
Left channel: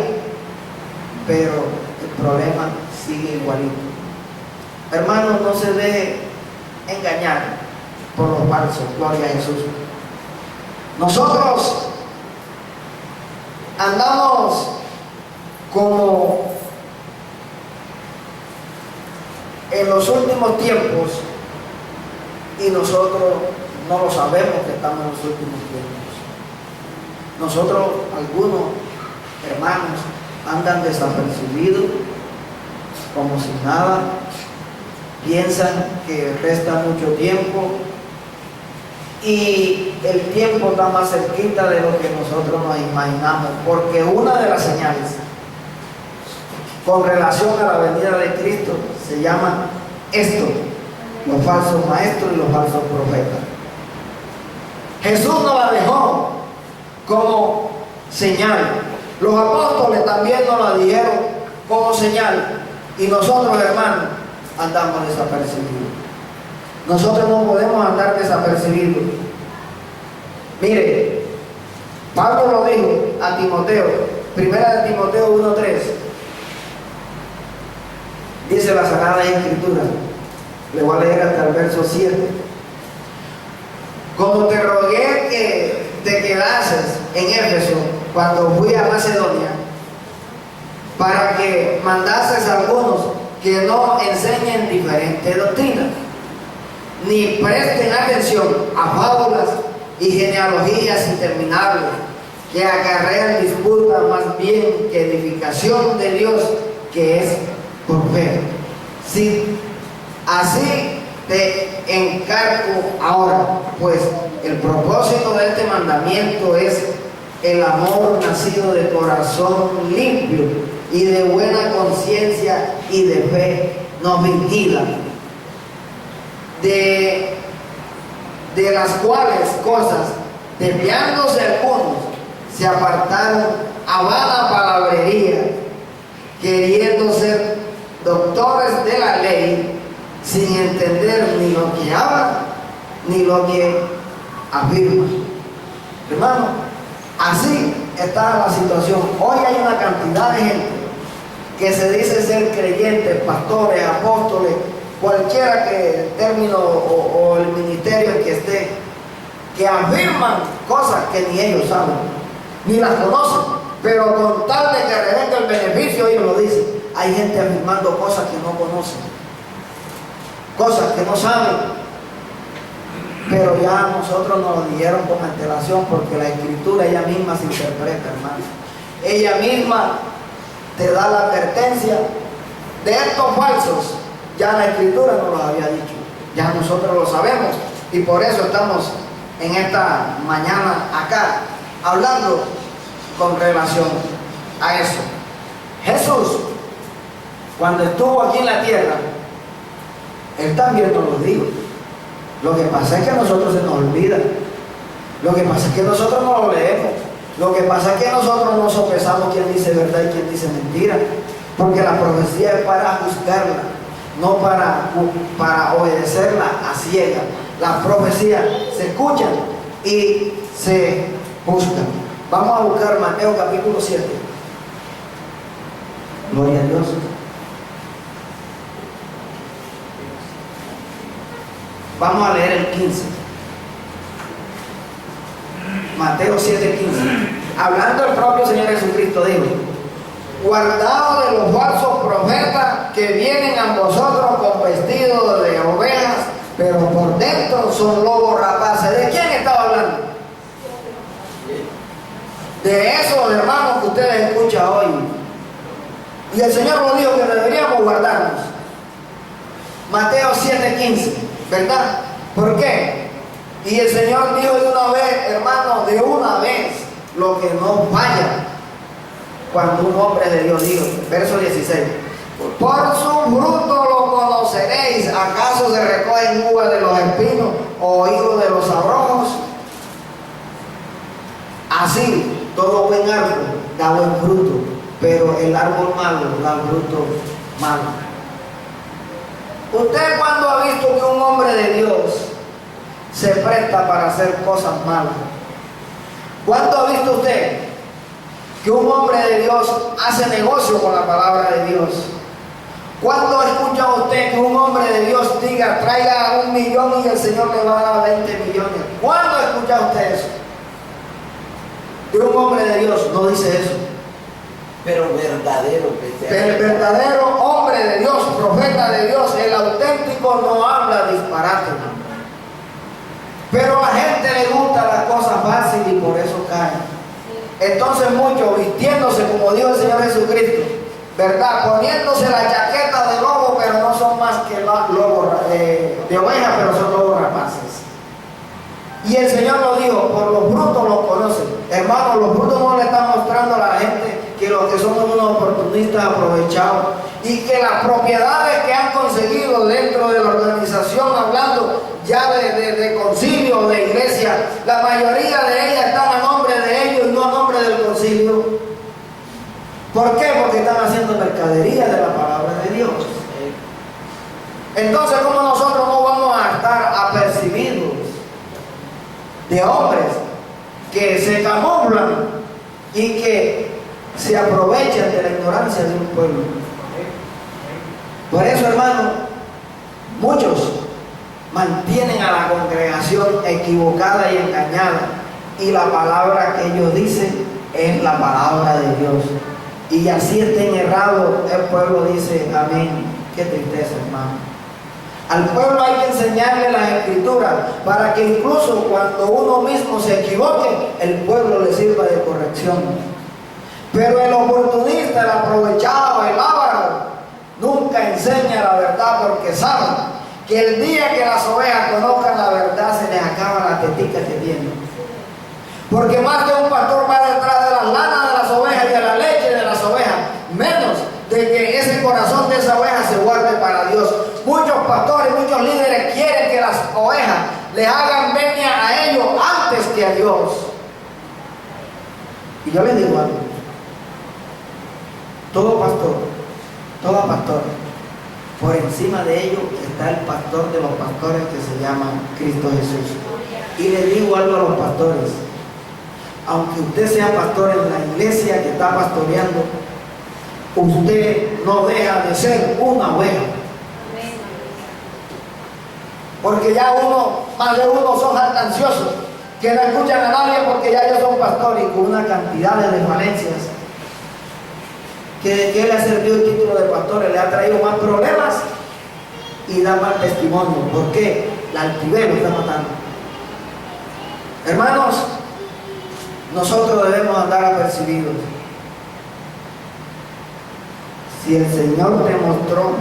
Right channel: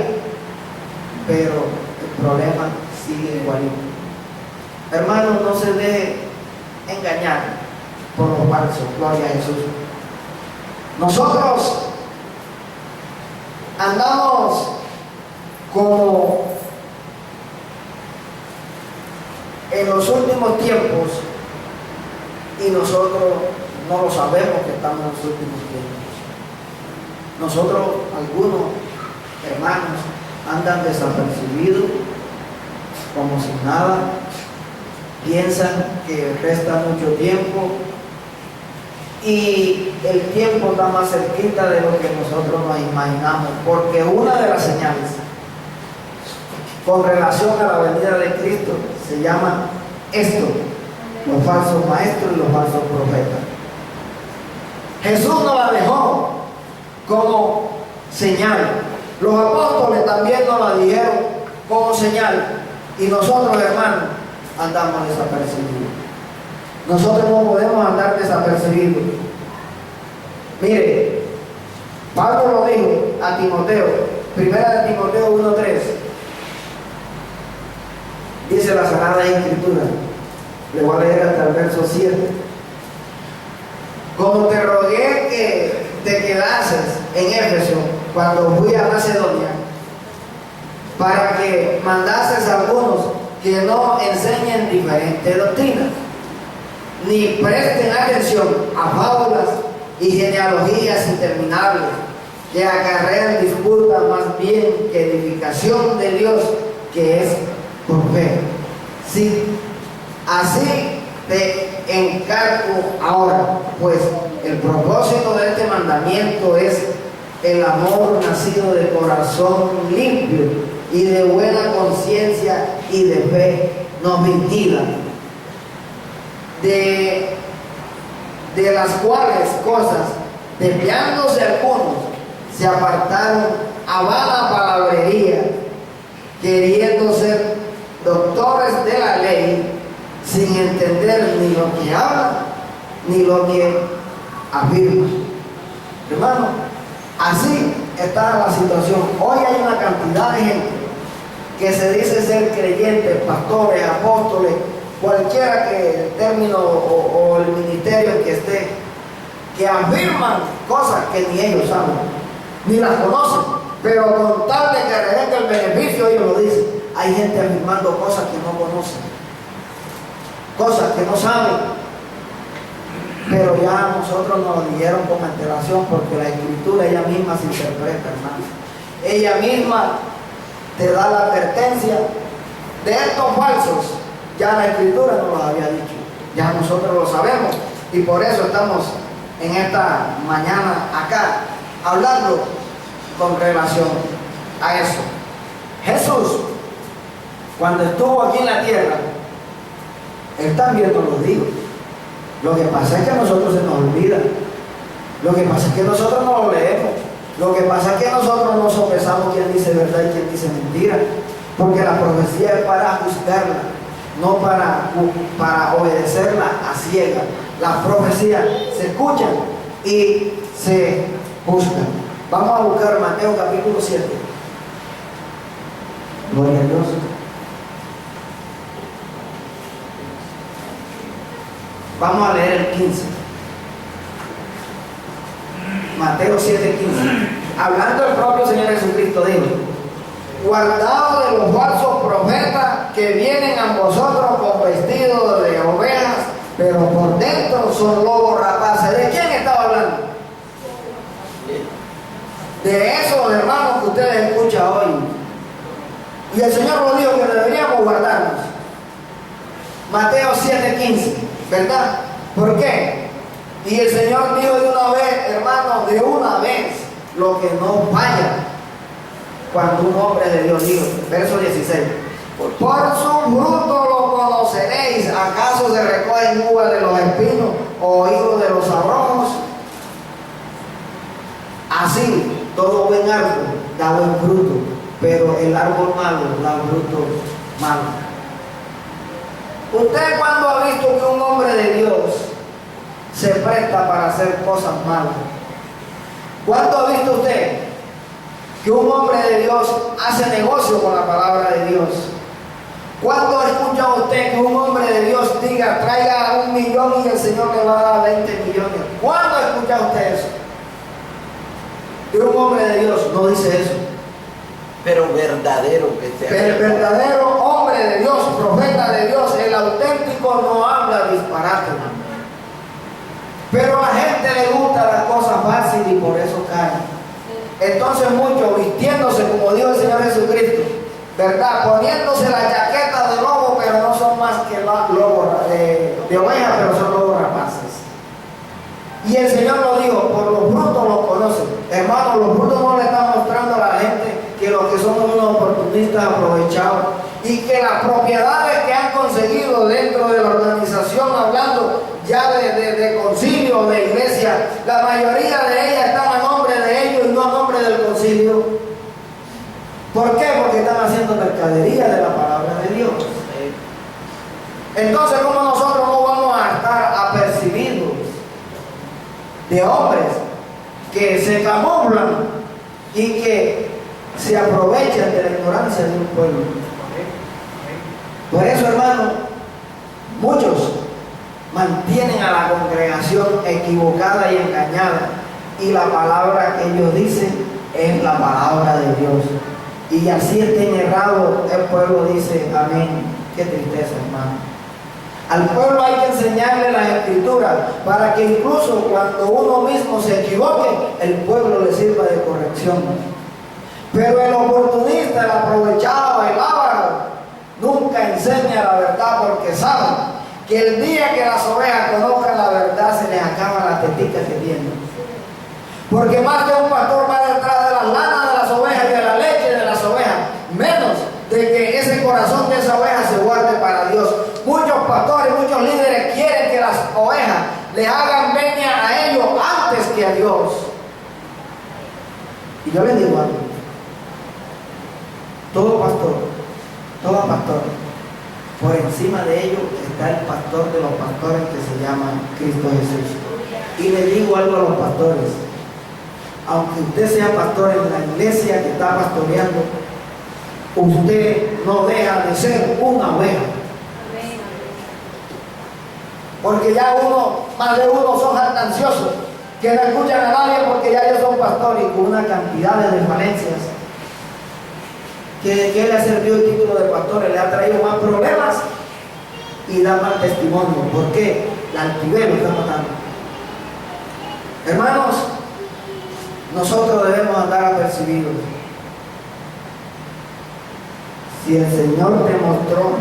Pero el problema sigue igualito. Hermanos, no se deje engañar por los falsos. Gloria a Jesús. Nosotros andamos como en los últimos tiempos y nosotros no lo sabemos que estamos en los últimos tiempos. Nosotros, algunos hermanos, andan desapercibidos como si nada, piensan que resta mucho tiempo y el tiempo está más cerquita de lo que nosotros nos imaginamos, porque una de las señales con relación a la venida de Cristo se llama esto: los falsos maestros y los falsos profetas. Jesús nos la dejó como señal, los apóstoles también nos la dijeron como señal, y nosotros, hermanos, andamos desapercibidos. Nosotros no podemos andar desapercibidos. Mire, Pablo lo dijo a Timoteo, primera de Timoteo 1:3. Dice la Sagrada Escritura, le voy a leer hasta el verso 7. Como te rogué que te quedases en Éfeso cuando fui a Macedonia, para que mandases a algunos que no enseñen diferentes doctrinas, ni presten atención a fábulas y genealogías interminables que acarrean disputas más bien que edificación de Dios, que es por fe. Sí, así te encargo ahora, pues el propósito de este mandamiento es el amor nacido de corazón limpio y de buena conciencia y de fe no fingida, de las cuales cosas, desviándose algunos, se apartaron a vana palabrería, queriendo ser doctores de la ley, sin entender ni lo que hablan ni lo que afirman. Hermano, así está la situación. Hoy hay una cantidad de gente que se dice ser creyentes, pastores, apóstoles, cualquiera que el término o el ministerio en que esté, que afirman cosas que ni ellos saben, ni las conocen, pero con tal de que revenga el beneficio, ellos lo dicen. Hay gente afirmando cosas que no conocen, cosas que no saben, pero ya nosotros nos lo dijeron con antelación, porque la Escritura ella misma se interpreta, hermano. Ella misma te da la advertencia de estos falsos. Ya la Escritura nos lo había dicho, ya nosotros lo sabemos, y por eso estamos en esta mañana acá hablando con relación a eso. Jesús, cuando estuvo aquí en la tierra, Él también nos lo dijo. Lo que pasa es que a nosotros se nos olvida. Lo que pasa es que nosotros no lo leemos. Lo que pasa es que nosotros no sopesamos quién dice verdad y quién dice mentira. Porque la profecía es para juzgarla, no para obedecerla a ciegas. Las profecías se escuchan y se juzgan. Vamos a buscar Mateo capítulo 7. Gloria a Dios. Vamos a leer el 15. Mateo 7:15. Hablando el propio Señor Jesucristo dijo: guardaos de los falsos profetas que vienen a vosotros con vestidos de ovejas, pero por dentro son lobos rapaces. ¿De quién estaba hablando? De esos hermanos que ustedes escuchan hoy. Y el Señor nos dijo que deberíamos guardarnos. Mateo 7:15, ¿verdad? ¿Por qué? Y el Señor dijo de una vez, hermano, de una vez, lo que no falla cuando un hombre de Dios dijo, verso 16: por su fruto lo conoceréis. ¿Acaso se recogen uvas de los espinos o higos de los abrojos? Así, todo buen árbol da buen fruto, pero el árbol malo da fruto malo. ¿Usted cuándo ha visto que un hombre de Dios se presta para hacer cosas malas? ¿Cuándo ha visto usted que un hombre de Dios hace negocio con la palabra de Dios. ¿Cuándo escucha usted que un hombre de Dios diga, traiga 1 millón y el Señor le va a dar 20 millones? ¿Cuándo escucha usted eso? Que un hombre de Dios no dice eso. Pero verdadero que sea. Pero el verdadero hombre de Dios, profeta de Dios, el auténtico, no habla disparate. Pero a la gente le gusta las cosas fáciles y por eso caen. Entonces muchos vistiéndose como dijo el Señor Jesucristo, ¿verdad? Poniéndose la chaqueta de lobo, pero no son más que lobos de oveja, pero son lobos rapaces. Y el Señor lo dijo, por los frutos los conocen. Hermanos, los frutos no le están mostrando a la gente que los que somos unos oportunistas aprovechados y que las propiedades que han conseguido dentro de la organización, hablando ya de concilio, de iglesia, la mayoría de ellas están a nombre de ellos y no a nombre del concilio. ¿Por qué? Porque están haciendo mercadería de la palabra de Dios. Entonces, ¿cómo nosotros no vamos a estar apercibidos de hombres que se camuflan y que se aprovechan de la ignorancia de un pueblo? Por eso, hermano, muchos mantienen a la congregación equivocada y engañada, y la palabra que ellos dicen es la palabra de Dios, y así estén errados, el pueblo dice amén. Qué tristeza, hermano. Al pueblo hay que enseñarle las escrituras para que incluso cuando uno mismo se equivoque, el pueblo le sirva de corrección. Pero el oportunista, el aprovechado, el avaro, nunca enseña la verdad, porque saben que el día que las ovejas conozcan la verdad se les acaba la tetica que tienen. Porque más de un pastor va detrás de las lanas de las ovejas y de la leche de las ovejas, menos de que ese corazón de esa oveja se guarde para Dios. Muchos pastores, muchos líderes quieren que las ovejas les hagan venia a ellos antes que a Dios. Y yo les digo algo: todo pastor, toda pastora, por encima de ellos está el pastor de los pastores, que se llama Cristo Jesús. Y le digo algo a los pastores: aunque usted sea pastor en la iglesia que está pastoreando, usted no deja de ser una oveja. Porque ya más de uno son jactanciosos, que no escuchan a nadie porque ya ellos son pastores, y con una cantidad de desvalencias. ¿Qué le ha servido el título de pastores? Le ha traído más problemas y da mal testimonio. ¿Por qué? La altivez lo está matando. Hermanos, nosotros debemos andar apercibidos. Si el Señor te mostró,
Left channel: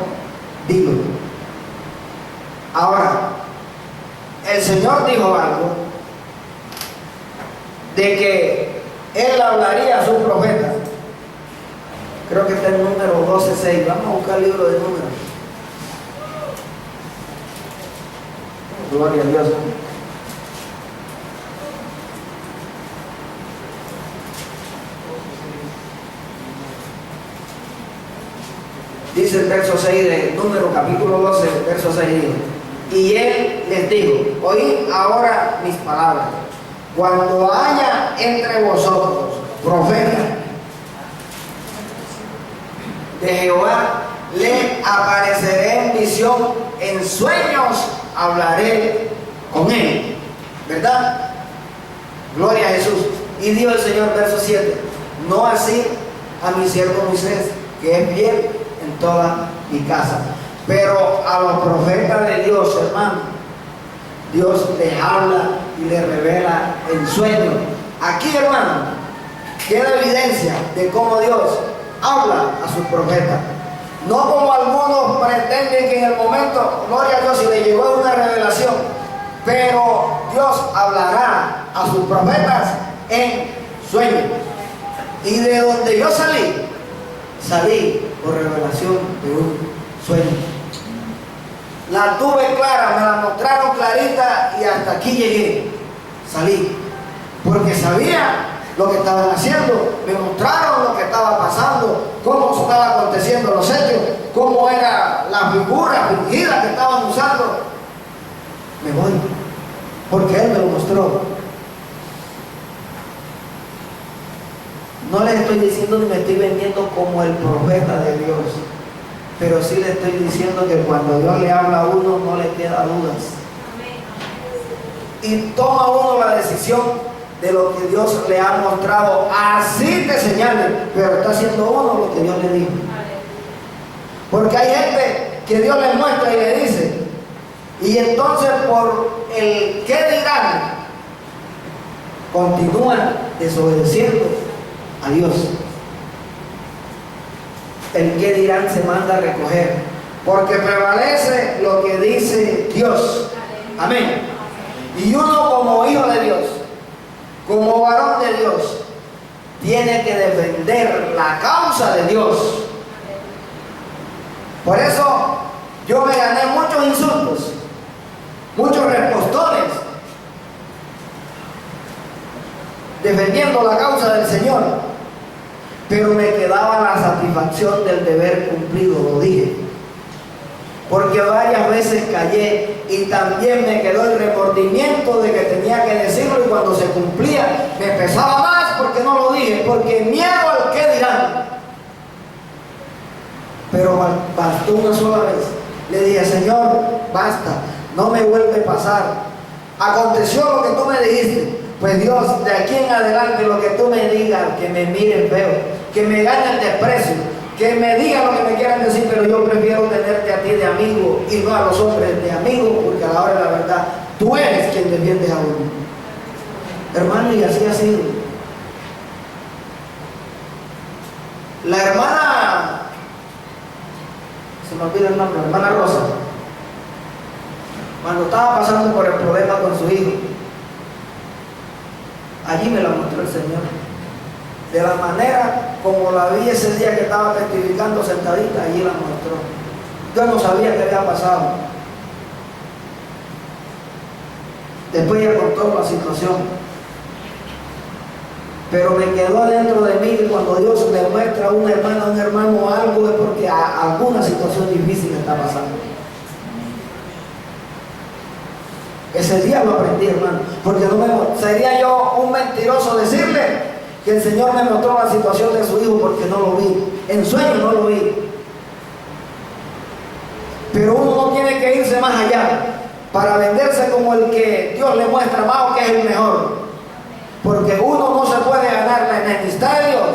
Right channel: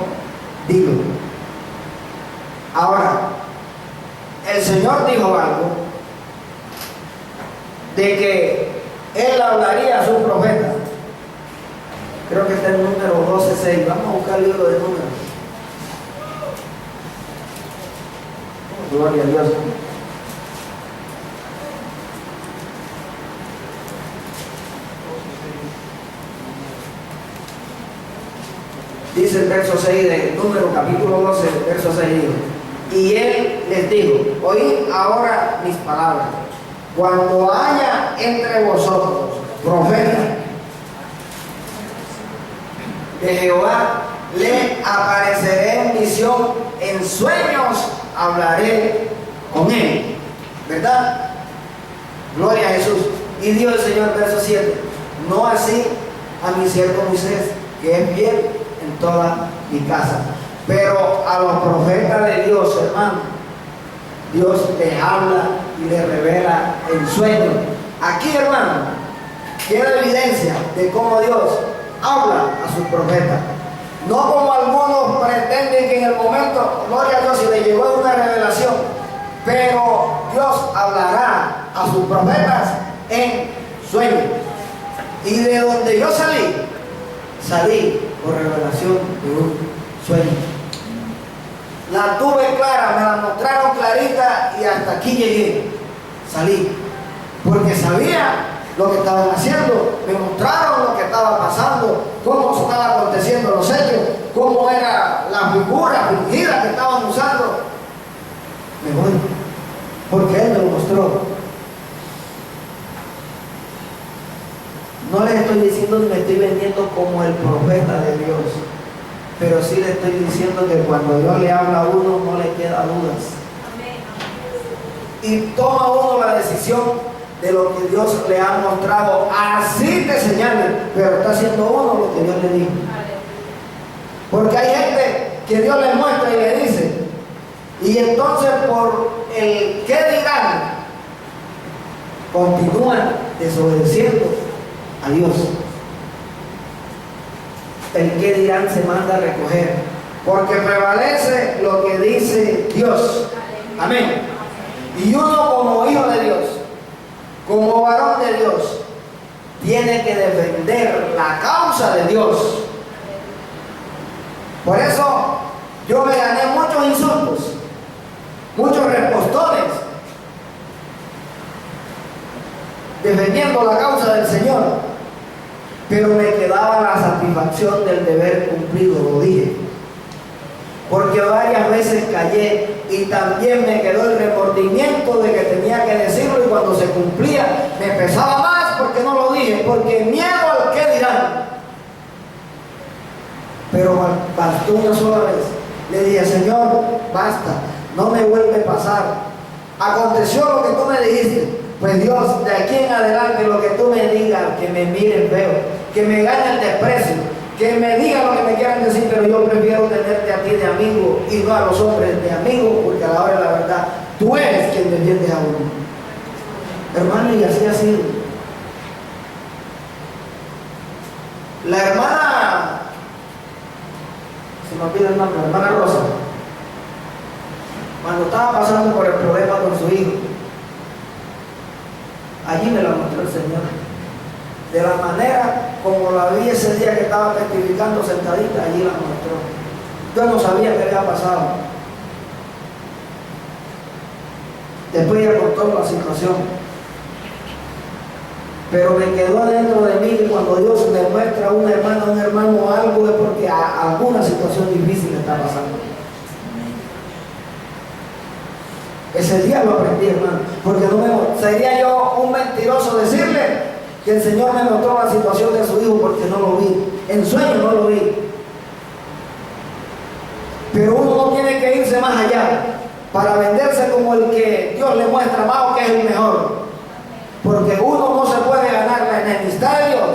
dilo. Ahora, el Señor dijo algo de que Él hablaría a su profeta. Creo que está en número 12:6. Vamos a buscar el libro de números. Gloria a Dios. Dice el verso 6 de Número capítulo 12, verso 6, dijo: y Él les dijo, oíd ahora mis palabras. Cuando haya entre vosotros profeta de Jehová, le apareceré en visión, en sueños hablaré con él. ¿Verdad? Gloria a Jesús. Y dijo el Señor, verso 7, no así a mi siervo Moisés, que es fiel en toda mi casa. Pero a los profetas de Dios, hermano, Dios les habla y les revela en sueños. Aquí, hermano, queda evidencia de cómo Dios habla a sus profetas. No como algunos pretenden que en el momento, gloria a Dios, si le llegó una revelación, pero Dios hablará a sus profetas en sueños. Y de donde yo salí por revelación de un sueño. La tuve clara, me la mostraron clarita y hasta aquí llegué. Salí, porque sabía lo que estaban haciendo, me mostraron lo que estaba pasando, cómo se estaban aconteciendo los hechos, cómo era la figura fingida que estaban usando. Me voy, porque Él me lo mostró. No les estoy diciendo ni me estoy vendiendo como el profeta de Dios, pero sí le estoy diciendo que cuando Dios le habla a uno no le queda dudas. Y toma uno la decisión de lo que Dios le ha mostrado. Así te señale, pero está haciendo uno lo que Dios le dijo. Porque hay gente que Dios le muestra y le dice, y entonces por el qué dirán, continúan desobedeciendo a Dios. El qué dirán se manda a recoger, porque prevalece lo que dice Dios. Amén. Y uno como hijo de Dios, como varón de Dios, tiene que defender la causa de Dios. Por eso yo me gané muchos insultos, muchos repostones, defendiendo la causa del Señor, pero me quedaba la satisfacción del deber cumplido, lo dije, porque varias veces callé y también me quedó el remordimiento de que tenía que decirlo, y cuando se cumplía me pesaba más porque no lo dije, porque miedo al qué dirán. Pero bastó una sola vez. Le dije, Señor, basta, no me vuelve a pasar. Aconteció lo que tú me dijiste. Pues Dios, de aquí en adelante lo que tú me digas, que me miren feo, que me gane el desprecio, que me digan lo que me quieran decir, pero yo prefiero tenerte a ti de amigo y no a los hombres de amigo, porque a la hora de la verdad, tú eres quien defiendes a uno. Hermano, y así ha sido. La hermana, se me olvida el nombre, la hermana Rosa, cuando estaba pasando por el problema con su hijo, allí me la mostró el Señor. De la manera como la vi ese día que estaba testificando sentadita, allí la mostró. Yo no sabía qué había pasado. Después ella contó la situación. Pero me quedó dentro de mí que cuando Dios me muestra a una hermana, a un hermano algo, es porque alguna situación difícil está pasando. Ese día lo aprendí, hermano, porque sería yo un mentiroso decirle que el Señor me mostró la situación de su hijo, porque no lo vi. En sueño no lo vi. Pero uno no tiene que irse más allá para venderse como el que Dios le muestra más o que es el mejor. Porque uno no se puede ganar la enemistad de Dios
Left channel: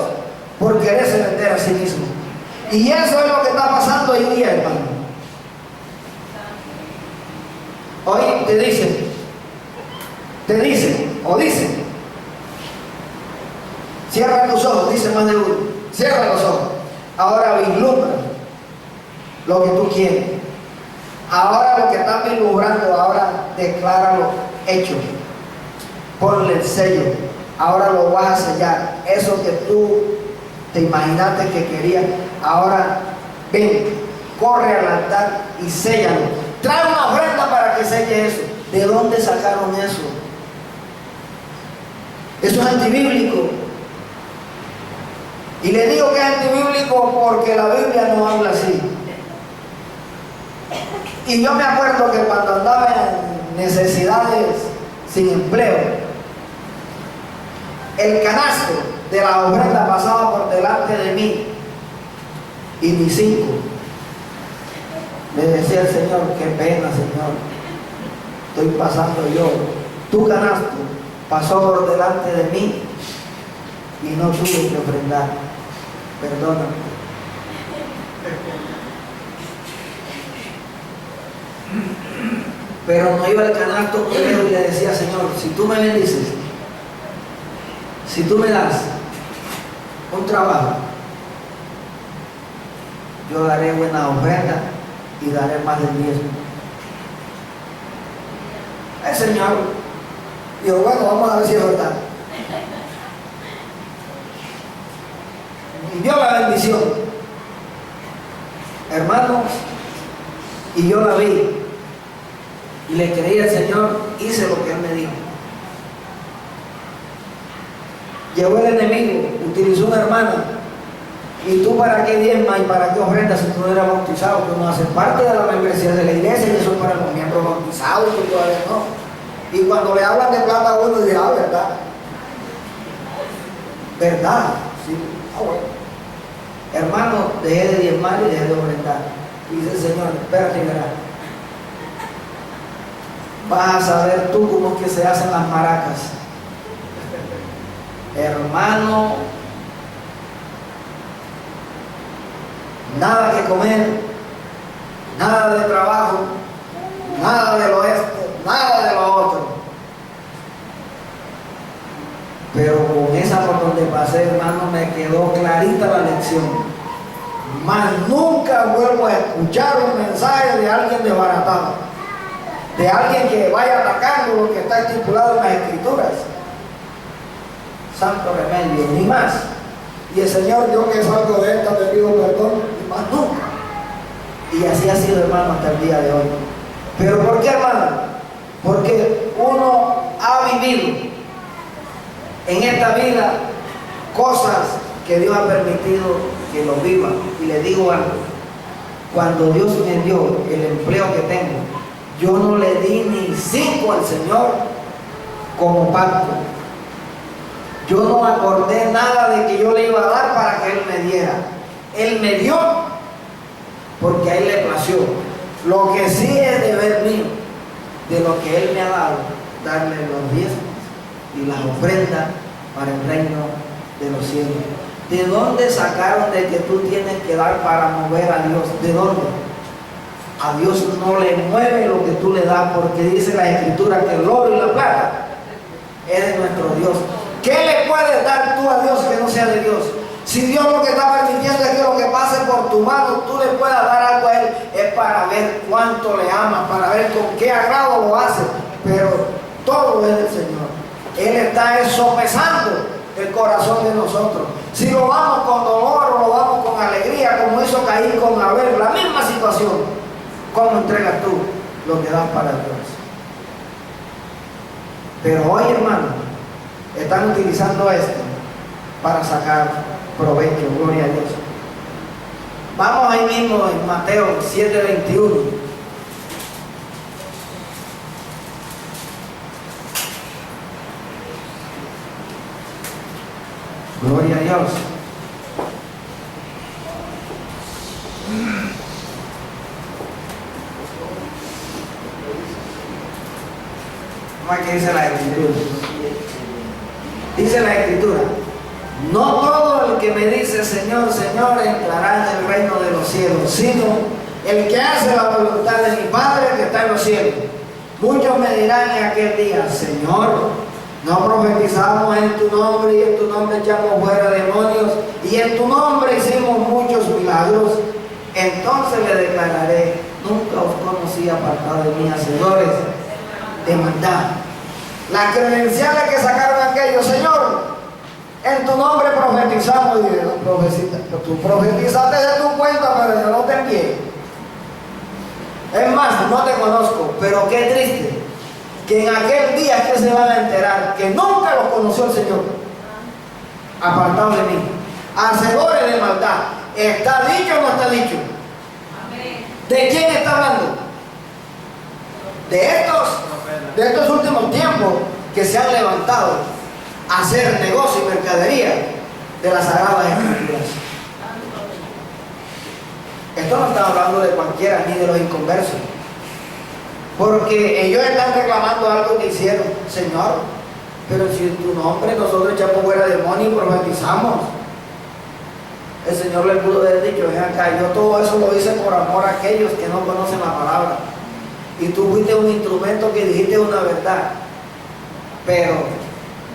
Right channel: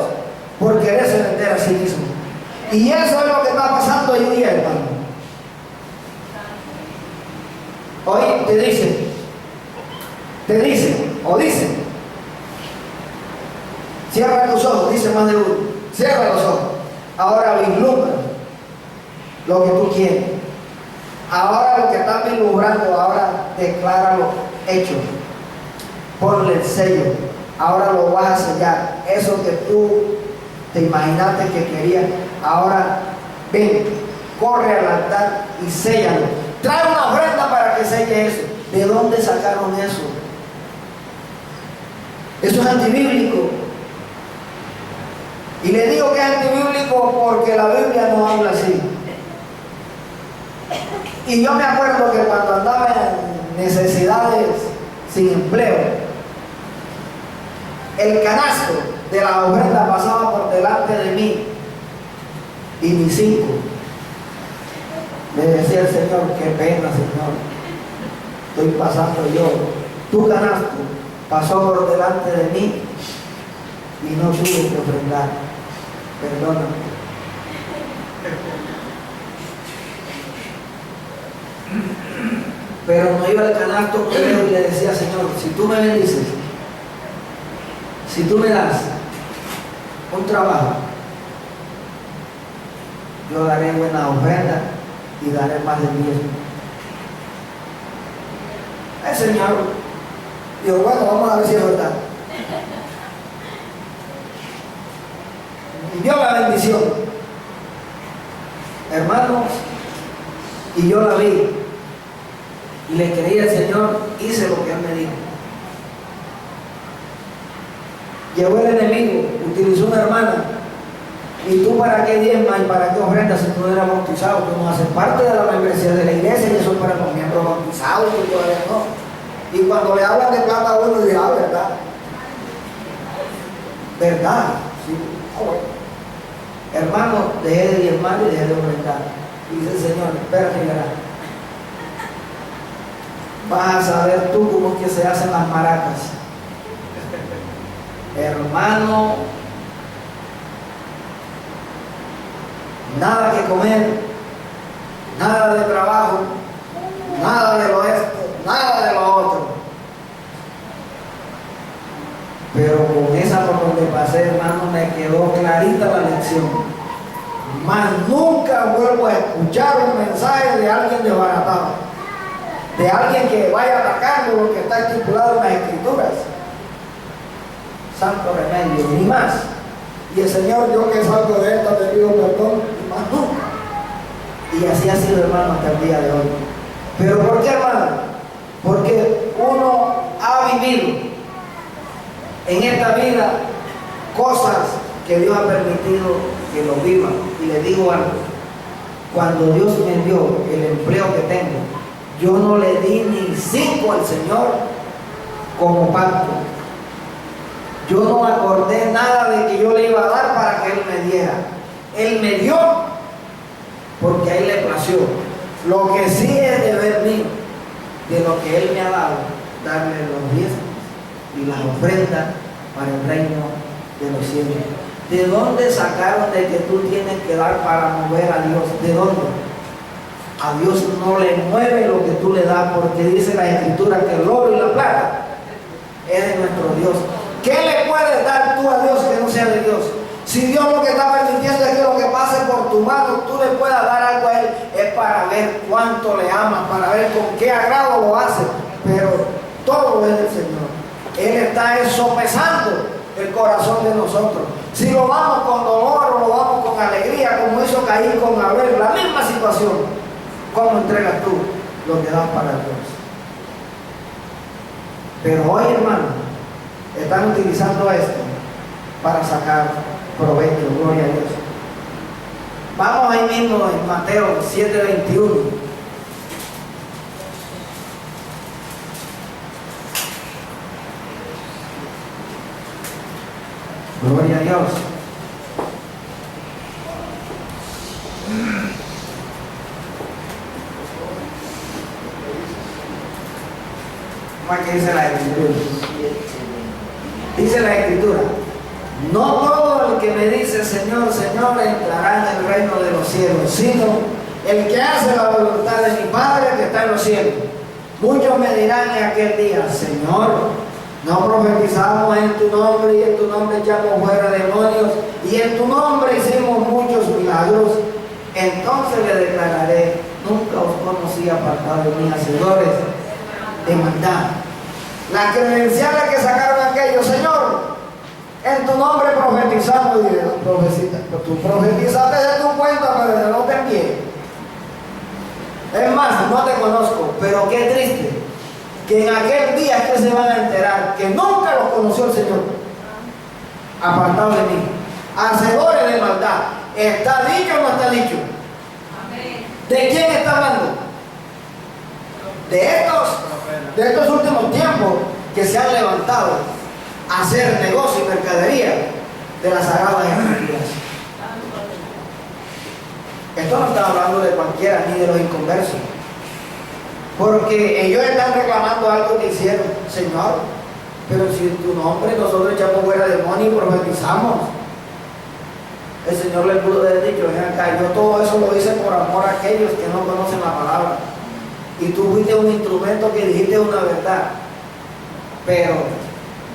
por quererse vender a sí mismo. Y eso es lo que está pasando hoy día, hermano. Hoy te dicen, cierra tus ojos, dice más de uno, cierra los ojos. Ahora vislumbra lo que tú quieres. Ahora lo que están vislumbrando, ahora decláralo hecho. Ponle el sello. Ahora lo vas a sellar. Eso que tú te imaginaste que querías, ahora ven, corre al altar y séllalo. Trae una ofrenda para que selle eso. ¿De dónde sacaron eso? Eso es antibíblico. Y le digo que es antibíblico porque la Biblia no habla así. Y yo me acuerdo que cuando andaba en necesidades sin empleo, el canasto de la ofrenda pasaba por delante de mí y ni 5. Me decía el Señor, qué pena, Señor, estoy pasando yo. Tu canasto pasó por delante de mí y no tuve que ofrendar. Perdóname. Pero no iba al canasto primero y le decía, Señor, si tú me bendices, si tú me das un trabajo, yo daré buena ofrenda y daré más del diezmo. El Señor dijo, bueno, vamos a ver si es verdad. Y dio la bendición, hermanos, y yo la vi y le creí al Señor, hice lo que Él me dijo. Llegó el enemigo, utilizó una hermana. ¿Y tú para qué diezmas y para qué ofrendas si tú no eres bautizado? Tú no haces parte de la membresía de la iglesia y eso es para los miembros bautizados, tú todavía no. Y cuando le hablan de plata a uno dirá, ¿verdad? ¿Verdad? Sí, bueno. Hermano, dejé de diezmar y dejé de ofrendar. Dice el Señor, espérate, verás. Vas a saber tú cómo es que se hacen las maracas. Hermano, nada que comer, nada de trabajo, nada de lo esto, nada de lo otro. Pero con esa por donde pasé, hermano, me quedó clarita la lección. Más nunca vuelvo a escuchar un mensaje de alguien desbaratado, de alguien que vaya atacando lo que está estipulado en las Escrituras. Santo remedio, ni más. Y el Señor, yo que salgo de esta, te pido perdón, y más nunca. Y así ha sido, hermano, hasta el día de hoy. ¿Pero por qué, hermano? Porque uno ha vivido en esta vida cosas que Dios ha permitido que lo vivan. Y le digo algo, cuando Dios me dio el empleo que tengo, yo no le di ni 5 al Señor como pacto. Yo no acordé nada de que yo le iba a dar para que Él me diera. Él me dio porque a Él le plació. Lo que sí es deber mío, de lo que Él me ha dado, darle los diezmos y las ofrendas para el reino de los cielos. ¿De dónde sacaron de que tú tienes que dar para mover a Dios? ¿De dónde? A Dios no le mueve lo que tú le das, porque dice la Escritura que el oro y la plata es de nuestro Dios. ¿Qué le puedes dar tú a Dios que no sea de Dios? Si Dios lo que está permitiendo es que lo que pase por tu mano, tú le puedas dar algo a Él, es para ver cuánto le amas, para ver con qué agrado lo hace. Pero todo es del Señor. Él está sopesando el corazón de nosotros. Si lo vamos con dolor o lo vamos con alegría, como hizo Caín con Abel, la misma situación. ¿Cómo entregas tú lo que das para Dios? Pero hoy, hermano, están utilizando esto para sacar provecho. Gloria a Dios. Vamos ahí mismo en Mateo 7:21. Gloria a Dios. ¿Qué dice la Escritura? Dice la Escritura: no todo el que me dice Señor, Señor entrará en el reino de los cielos, sino el que hace la voluntad de mi Padre que está en los cielos. Muchos me dirán en aquel día: Señor, no profetizamos en tu nombre, y en tu nombre echamos fuera demonios, y en tu nombre hicimos muchos milagros. Entonces le declararé: nunca os conocí, apartado de mí, hacedores de maldad. Las credenciales que sacaron aquellos: Señor, en tu nombre profetizamos. Y tú profetizaste de tu cuenta, pero yo no te envié. Es más, no te conozco. Pero qué triste que en aquel día es que se van a enterar que nunca los conoció el Señor. Apartado de mí, hacedores de maldad. ¿Está dicho o no está dicho? Amén. ¿De quién está hablando? De estos últimos tiempos que se han levantado a hacer negocio y mercadería de las sagradas Escrituras. Esto no está hablando de cualquiera ni de los inconversos, porque ellos están reclamando algo que hicieron. Señor, pero si en tu nombre nosotros echamos fuera demonios y profetizamos. El Señor le pudo haber dicho: ven acá, yo todo eso lo hice por amor a aquellos que no conocen la palabra. Y tú fuiste un instrumento que dijiste una verdad, pero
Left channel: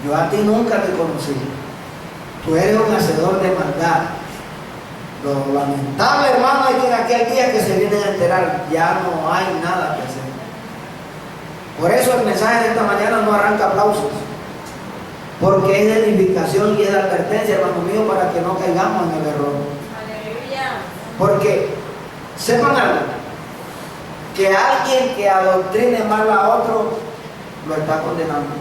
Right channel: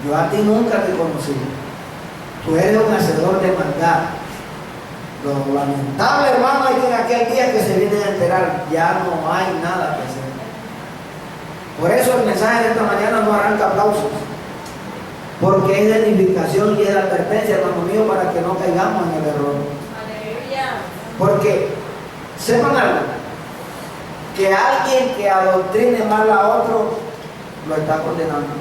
yo a ti nunca te conocí. Tú eres un hacedor de maldad. Lo lamentable, hermano, es que en aquel día que se vienen a enterar, ya no hay nada que hacer. Por eso el mensaje de esta mañana no arranca aplausos, porque es de edificación y es de advertencia, hermano mío, para que no caigamos en el error. Aleluya. Porque sepan algo, que alguien que adoctrine mal a otro lo está condenando.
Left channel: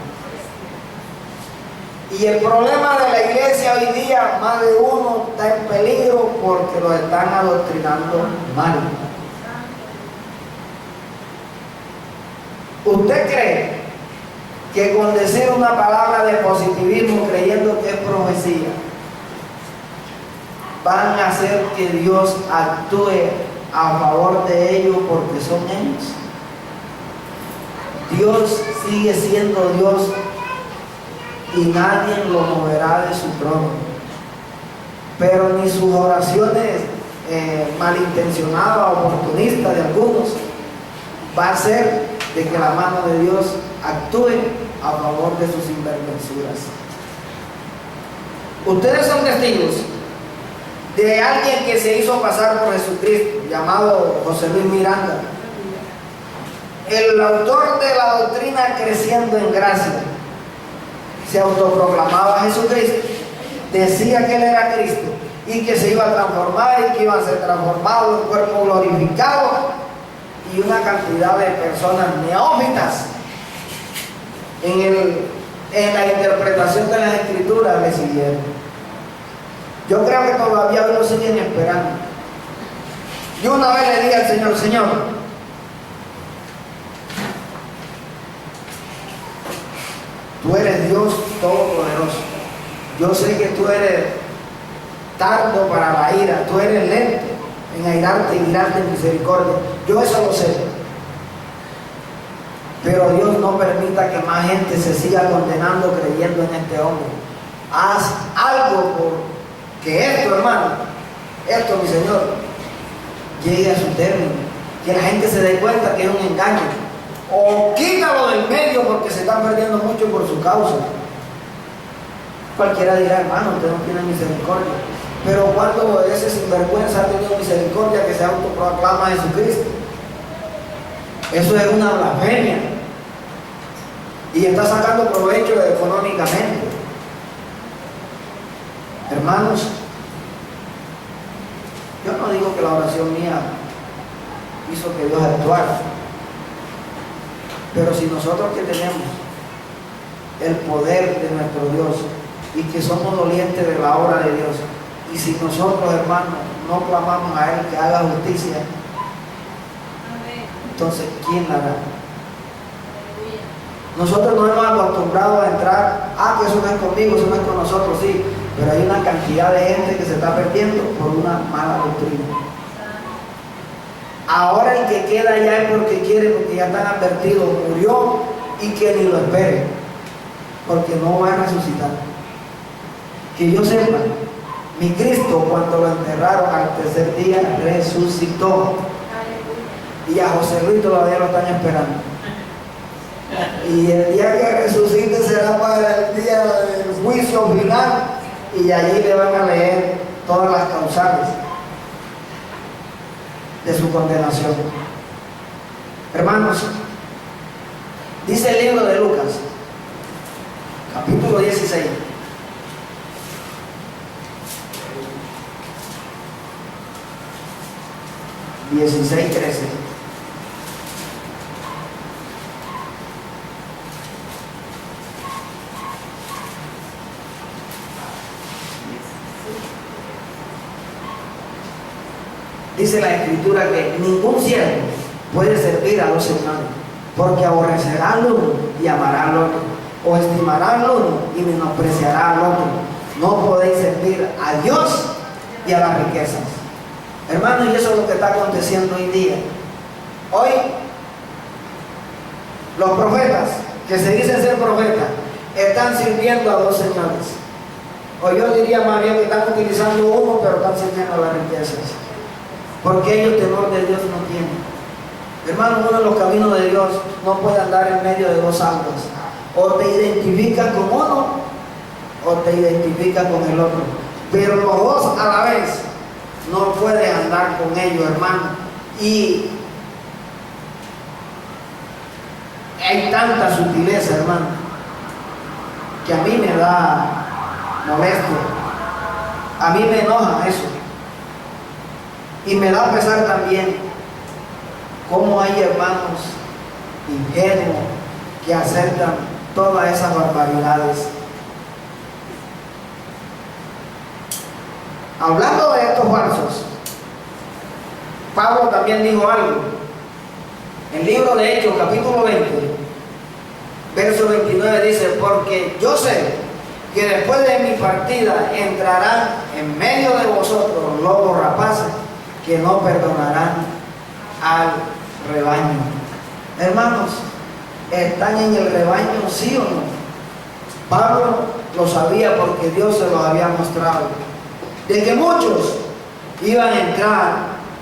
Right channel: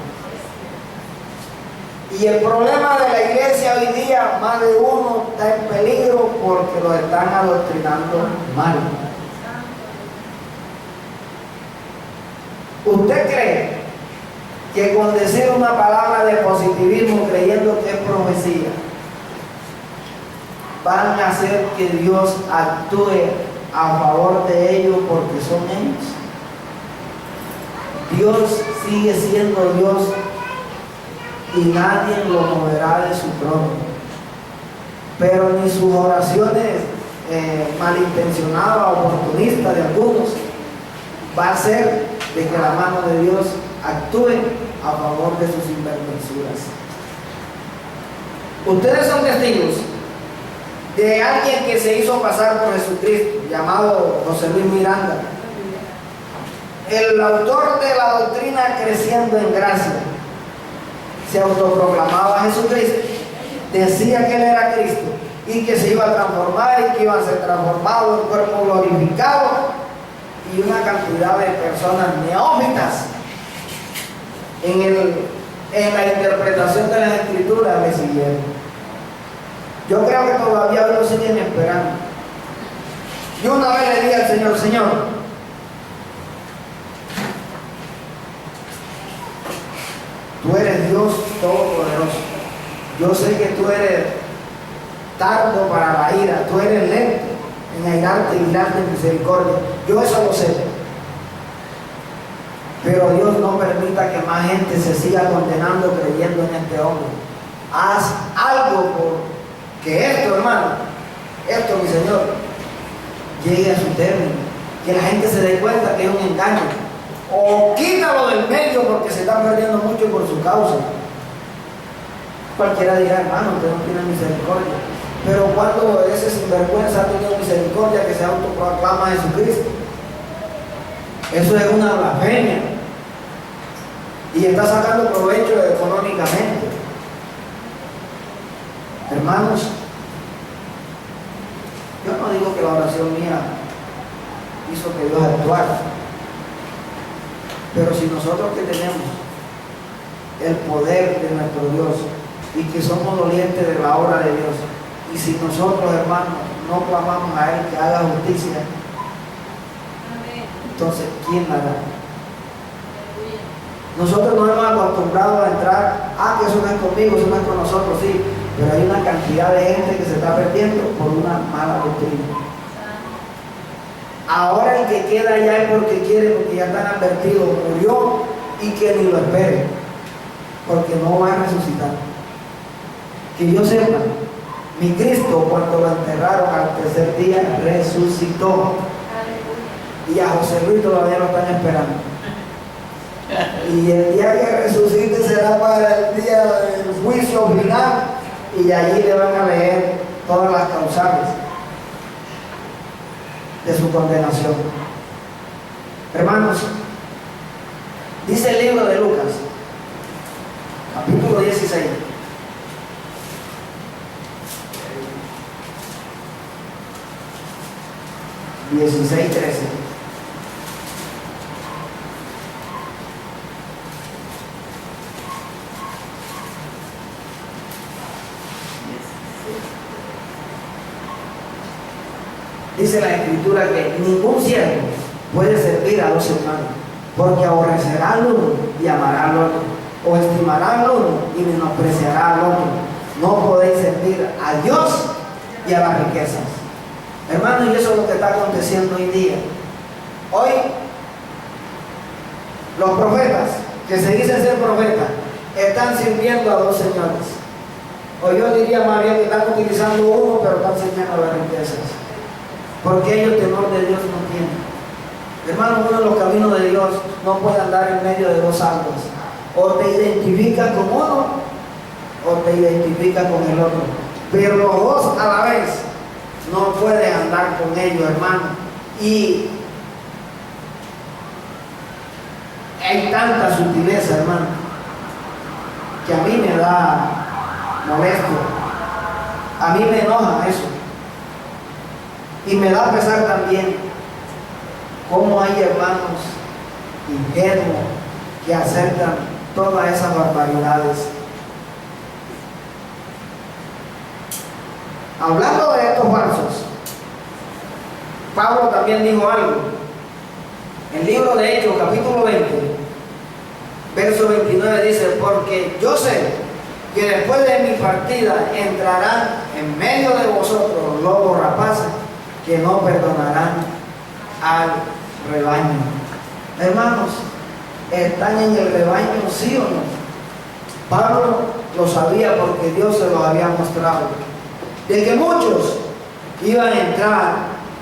Y el problema de la iglesia hoy día, más de uno está en peligro porque lo están adoctrinando mal. ¿Usted cree que con decir una palabra de positivismo creyendo que es profecía, van a hacer que Dios actúe a favor de ellos porque son ellos. Dios sigue siendo Dios y nadie lo moverá de su trono. Pero ni sus oraciones malintencionadas, oportunistas de algunos, va a hacer de que la mano de Dios actúe a favor de sus sinvergüenzuras. Ustedes son testigos de alguien que se hizo pasar por Jesucristo, llamado José Luis Miranda, el autor de la doctrina Creciendo en Gracia. Se autoproclamaba Jesucristo, decía que él era Cristo y que se iba a transformar y que iba a ser transformado en cuerpo glorificado, y una cantidad de personas neófitas en la interpretación de las Escrituras le siguieron. Yo creo que todavía lo siguen esperando. Yo una vez le dije al Señor: Señor, tú eres Dios Todopoderoso. Yo sé que tú eres tardo para la ira, tú eres lento en airarte y grande en misericordia. Yo eso lo sé. Pero Dios no permita que más gente se siga condenando creyendo en este hombre. Haz algo por que esto, hermano, esto, mi Señor, llegue a su término, que la gente se dé cuenta que es un engaño, o quítalo del medio porque se está perdiendo mucho por su causa. Cualquiera dirá: hermano, usted no tiene misericordia. Pero cuando ese sinvergüenza ha tenido misericordia que se autoproclama a Jesucristo, eso es una blasfemia y está sacando provecho económicamente. Hermanos, yo no digo que la oración mía hizo que Dios actuara, pero si nosotros que tenemos el poder de nuestro Dios y que somos dolientes de la obra de Dios, y si nosotros, hermanos, no clamamos a Él que haga justicia, entonces ¿quién la hará? Nosotros nos hemos acostumbrado a entrar: que eso no es conmigo, eso no es con nosotros, sí, pero hay una cantidad de gente que se está perdiendo por una mala doctrina. Ahora el que queda allá es porque quiere, porque ya están advertidos, murió, y que ni lo espere, porque no va a resucitar. Que yo sepa, mi Cristo, cuando lo enterraron al tercer día, resucitó. Y a José Luis todavía lo están esperando. Y el día que resucite será para el día del juicio final, y allí le van a leer todas las causales de su condenación. Hermanos, dice el libro de Lucas, capítulo 16. ...16, 13... Dice la Escritura que ningún siervo puede servir a dos hermanos, porque aborrecerá al uno y amará al otro, o estimará al uno y menospreciará al otro. No podéis servir a Dios y a las riquezas. Hermanos, y eso es lo que está aconteciendo hoy día. Hoy, los profetas, que se dicen ser profetas, están sirviendo a dos señores. O yo diría más bien que están utilizando uno, pero están sirviendo a las riquezas. Porque ellos temor de Dios no tienen. Hermano, uno de los caminos de Dios no puede andar en medio de dos aguas. O te identificas con uno, o te identificas con el otro. Pero los dos a la vez no puedes andar con ellos, hermano. Y hay tanta sutileza, hermano, que a mí me da molesto. A mí me enoja eso. Y me da pesar también cómo hay hermanos ingenuos que aceptan todas esas barbaridades. Hablando de estos falsos, Pablo también dijo algo. En el libro de Hechos, capítulo 20, verso 29 dice: porque yo sé que después de mi partida entrarán en medio de vosotros lobos rapaces que no perdonarán al rebaño. Hermanos, ¿están en el rebaño, sí o no? Pablo lo sabía porque Dios se los había mostrado, de que muchos iban a entrar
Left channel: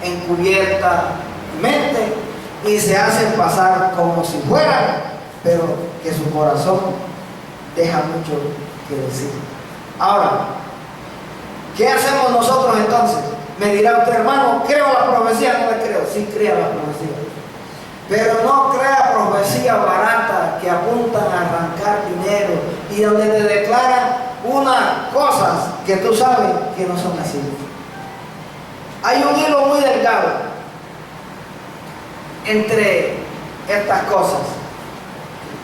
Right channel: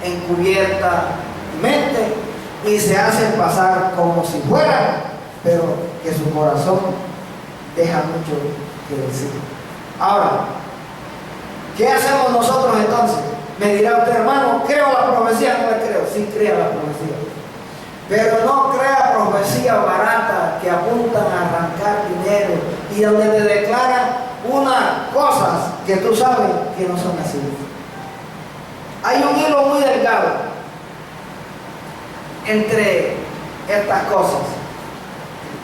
encubiertamente y se hacen pasar como si fueran, pero que su corazón deja mucho que decir. Ahora, ¿qué hacemos nosotros entonces? Me dirá usted, hermano, ¿creo la profecía? No la creo. Sí, crea la profecía, pero no crea profecía barata que apuntan a arrancar dinero y donde te declaran unas cosas que tú sabes que no son así. Hay un hilo muy delgado entre estas cosas,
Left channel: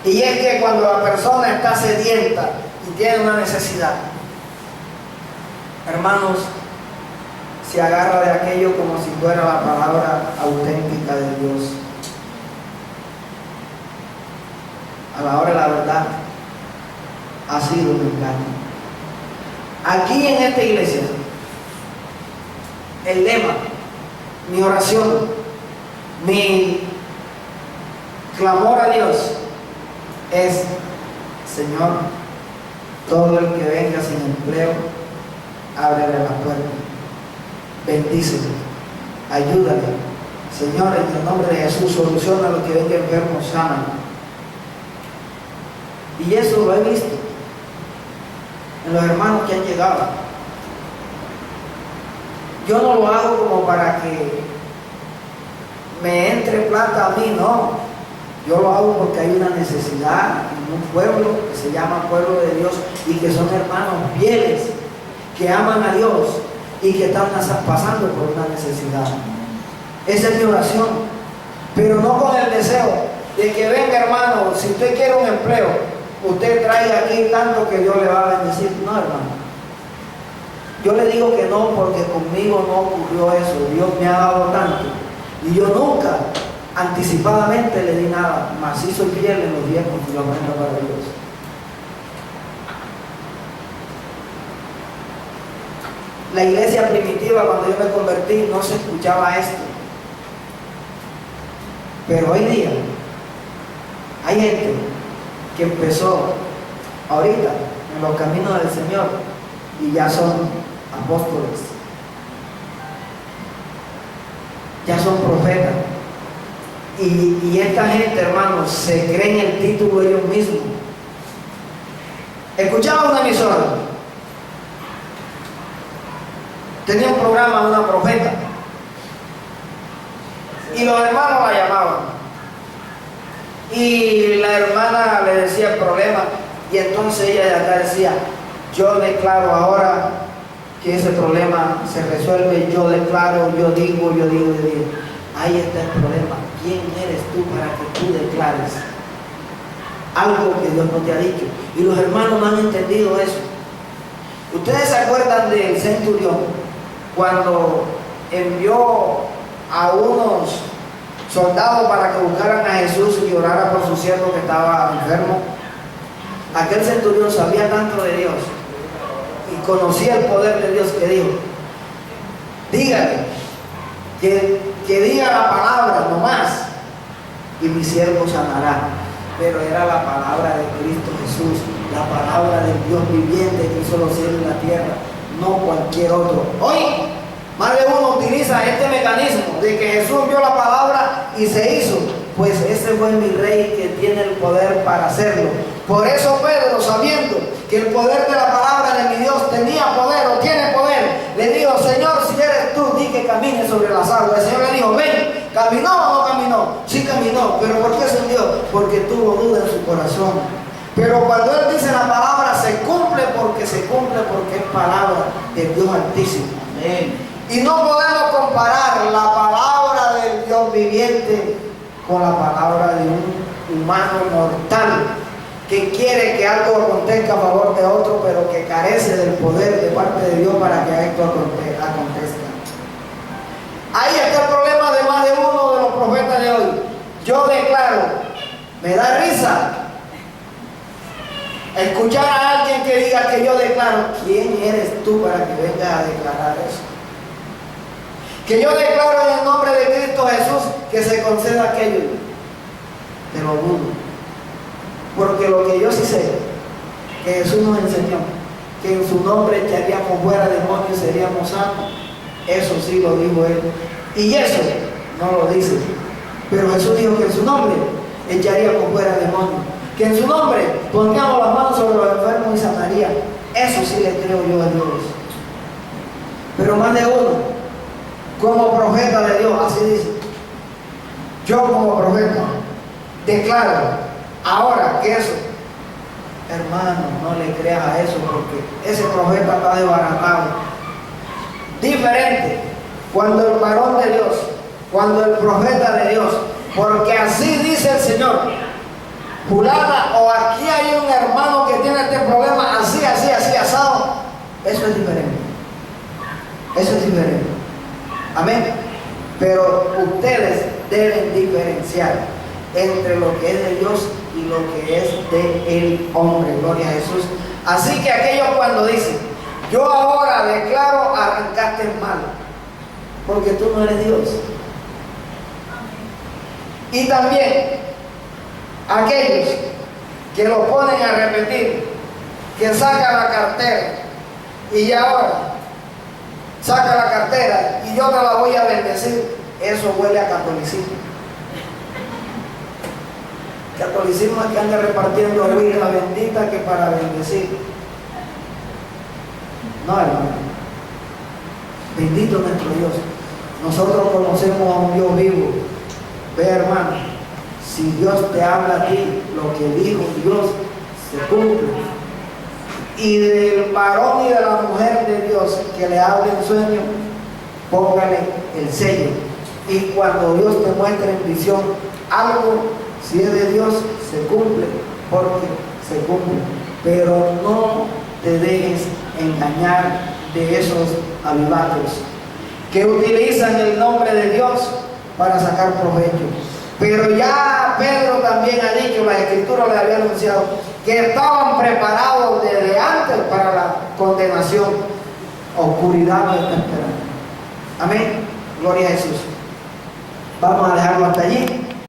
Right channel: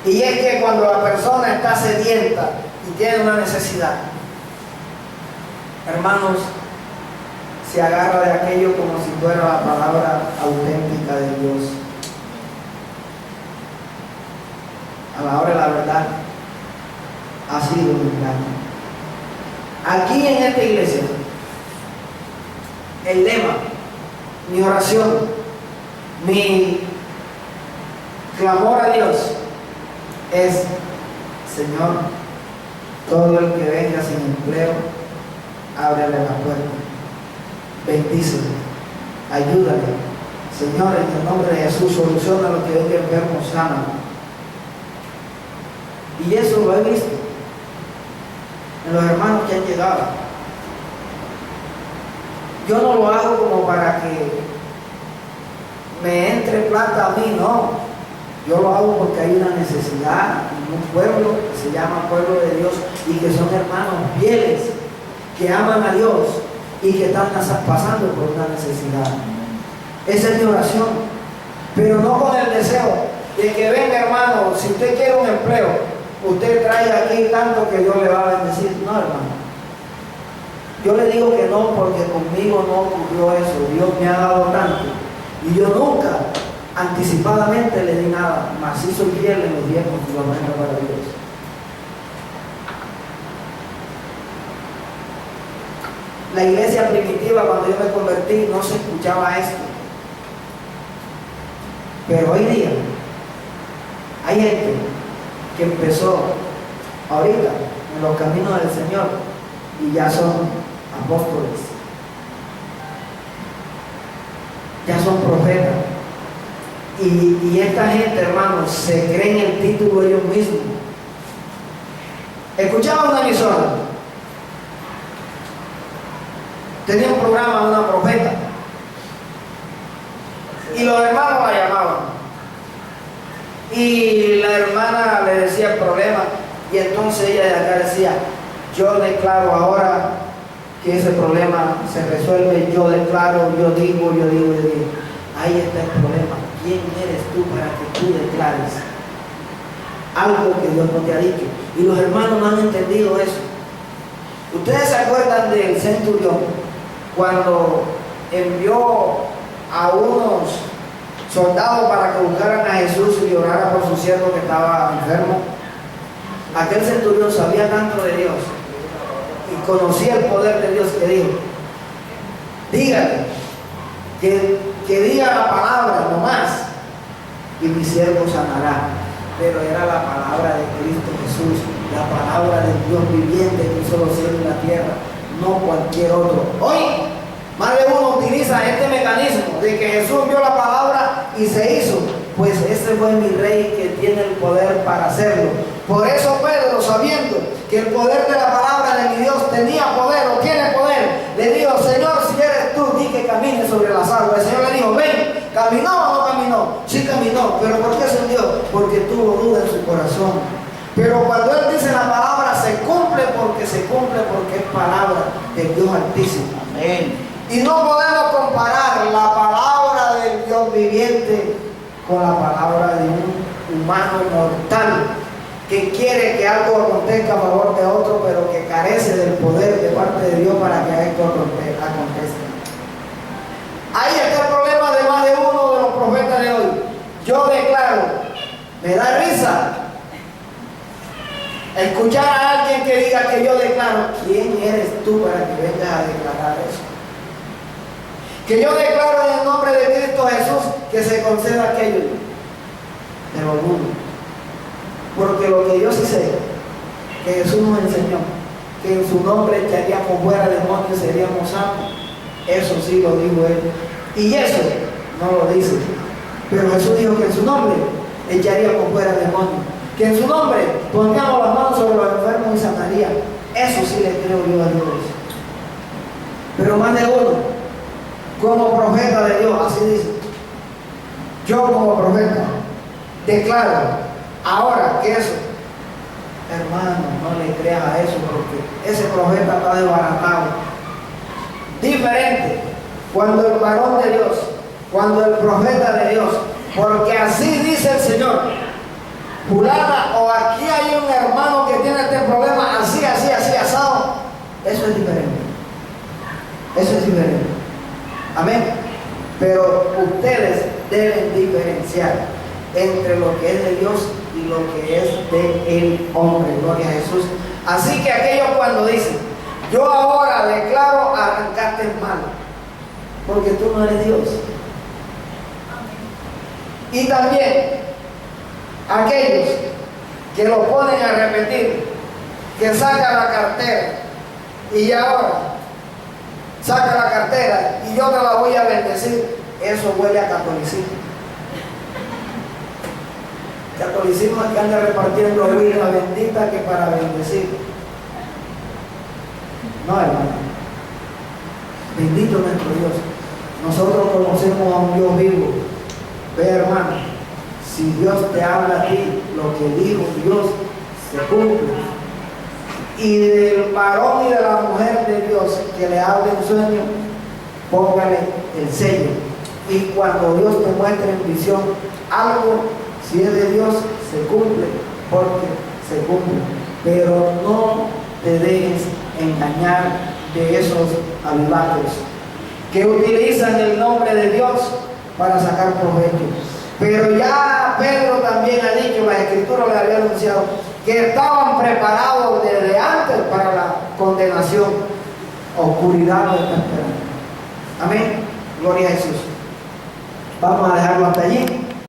y es que cuando la persona está sedienta y tiene una necesidad, hermanos, se agarra de aquello como si fuera la palabra auténtica de Dios. A la hora de la verdad ha sido un engaño. Aquí en esta iglesia, el lema, mi oración, mi clamor a Dios es: Señor, todo el que venga sin empleo, ábrele la puerta, bendícele, ayúdale. Señor, en el nombre de Jesús, soluciona lo que venga enfermo, sana. Y eso lo he visto en los hermanos que han llegado. Yo no lo hago como para que me entre plata a mí, no. Yo lo hago porque hay una necesidad en un pueblo que se llama pueblo de Dios y que son hermanos fieles, que aman a Dios y que están pasando por una necesidad. Esa es mi oración, pero no con el deseo de que venga, hermano, si usted quiere un empleo, usted trae aquí tanto que Dios le va a bendecir. No, hermano. Yo le digo que no porque conmigo no ocurrió eso. Dios me ha dado tanto y yo nunca anticipadamente le di nada, mas sí soy fiel en los diezmos y los ofrendas para Dios. La iglesia primitiva, cuando yo me convertí, no se escuchaba esto, pero hoy día hay gente que empezó ahorita en los caminos del Señor y ya son apóstoles, ya son profetas, y esta gente, hermanos, se creen el título ellos mismos. Escuchaba una emisora, tenía un programa, una profeta, y los hermanos la llamaban y la hermana le decía el problema, y entonces ella de acá decía: yo declaro ahora que ese problema se resuelve, yo declaro, yo digo. Ahí está el problema. ¿Quién eres tú para que tú declares algo que Dios no te ha dicho? Y los hermanos no han entendido eso. ¿Ustedes se acuerdan del centurión cuando envió a unos soldados para que buscaran a Jesús y orara por su siervo que estaba enfermo? Aquel centurión sabía tanto de Dios y conocía el poder de Dios que dijo: dígale que diga la palabra nomás y mi siervo sanará. Pero era la palabra de Cristo Jesús, la palabra del Dios viviente que hizo los cielos y la tierra, no cualquier otro. Hoy más de uno utiliza este mecanismo de que Jesús envió la palabra y se hizo. Pues ese fue mi rey que tiene el poder para hacerlo. Por eso Pedro, sabiendo que el poder de la palabra de mi Dios tenía poder o tiene poder, le dijo: Señor, si eres tú, di que camine sobre las aguas. El Señor le dijo: ven. ¿Caminó o no caminó? Sí caminó. ¿Pero por qué se hundió? Porque tuvo duda en su corazón. Pero cuando Él dice la palabra, se cumple porque es palabra del Dios Altísimo. Amén. Y no podemos comparar la palabra del Dios viviente con la palabra de un humano mortal que quiere que algo acontezca a favor de otro, pero que carece del poder de parte de Dios para que esto acontezca. Ahí está el problema de más de uno de los profetas de hoy. Yo declaro, me da risa Escuchar a alguien que diga que yo declaro, ¿quién eres tú para que vengas a declarar eso? Que yo declaro en el nombre de Cristo Jesús que se conceda aquello. Te lo dudo. Porque lo que yo sí sé, que Jesús nos enseñó, que en su nombre echaríamos fuera demonios y seríamos sanos. Eso sí lo dijo Él. Y eso no lo dice. Pero Jesús dijo que en su nombre echaríamos fuera demonios. Que en su nombre pondríamos las manos sobre los enfermos y sanaría. Eso sí le creo yo a Dios. Pero más de uno, como profeta de Dios, así dice. Yo como profeta declaro ahora que eso, hermano, no le creas a eso porque ese profeta está desbaratado. Diferente cuando el varón de Dios, cuando el profeta de Dios, porque así dice el Señor, fulana, o aquí hay un hermano que tiene este problema, así, asado, eso es diferente. Eso es diferente. Amén. Pero ustedes deben diferenciar entre lo que es de Dios y lo que es del hombre. Gloria a Jesús. Así que aquellos cuando dicen, yo ahora declaro, arrancaste mal, porque tú no eres Dios. Y también aquellos que lo ponen a repetir, que saca la cartera y ahora saca la cartera y yo te la voy a bendecir, eso huele a catolicismo. Catolicismo es que anda repartiendo huila bendita que para bendecir. No, hermano. Bendito nuestro Dios. Nosotros conocemos a un Dios vivo. Ve, hermano, si Dios te habla a ti, lo que dijo Dios se cumple. Y del varón y de la mujer de Dios que le hable en sueño, póngale el sello. Y cuando Dios te muestre en visión algo, si es de Dios, se cumple, porque se cumple. Pero no te dejes engañar de esos avivatos que utilizan el nombre de Dios para sacar provecho. Pero ya Pedro también ha dicho, la Escritura le había anunciado, que estaban preparados desde antes para la condenación. Oscuridad no está esperando. Amén. Gloria a Jesús. Vamos a dejarlo hasta allí.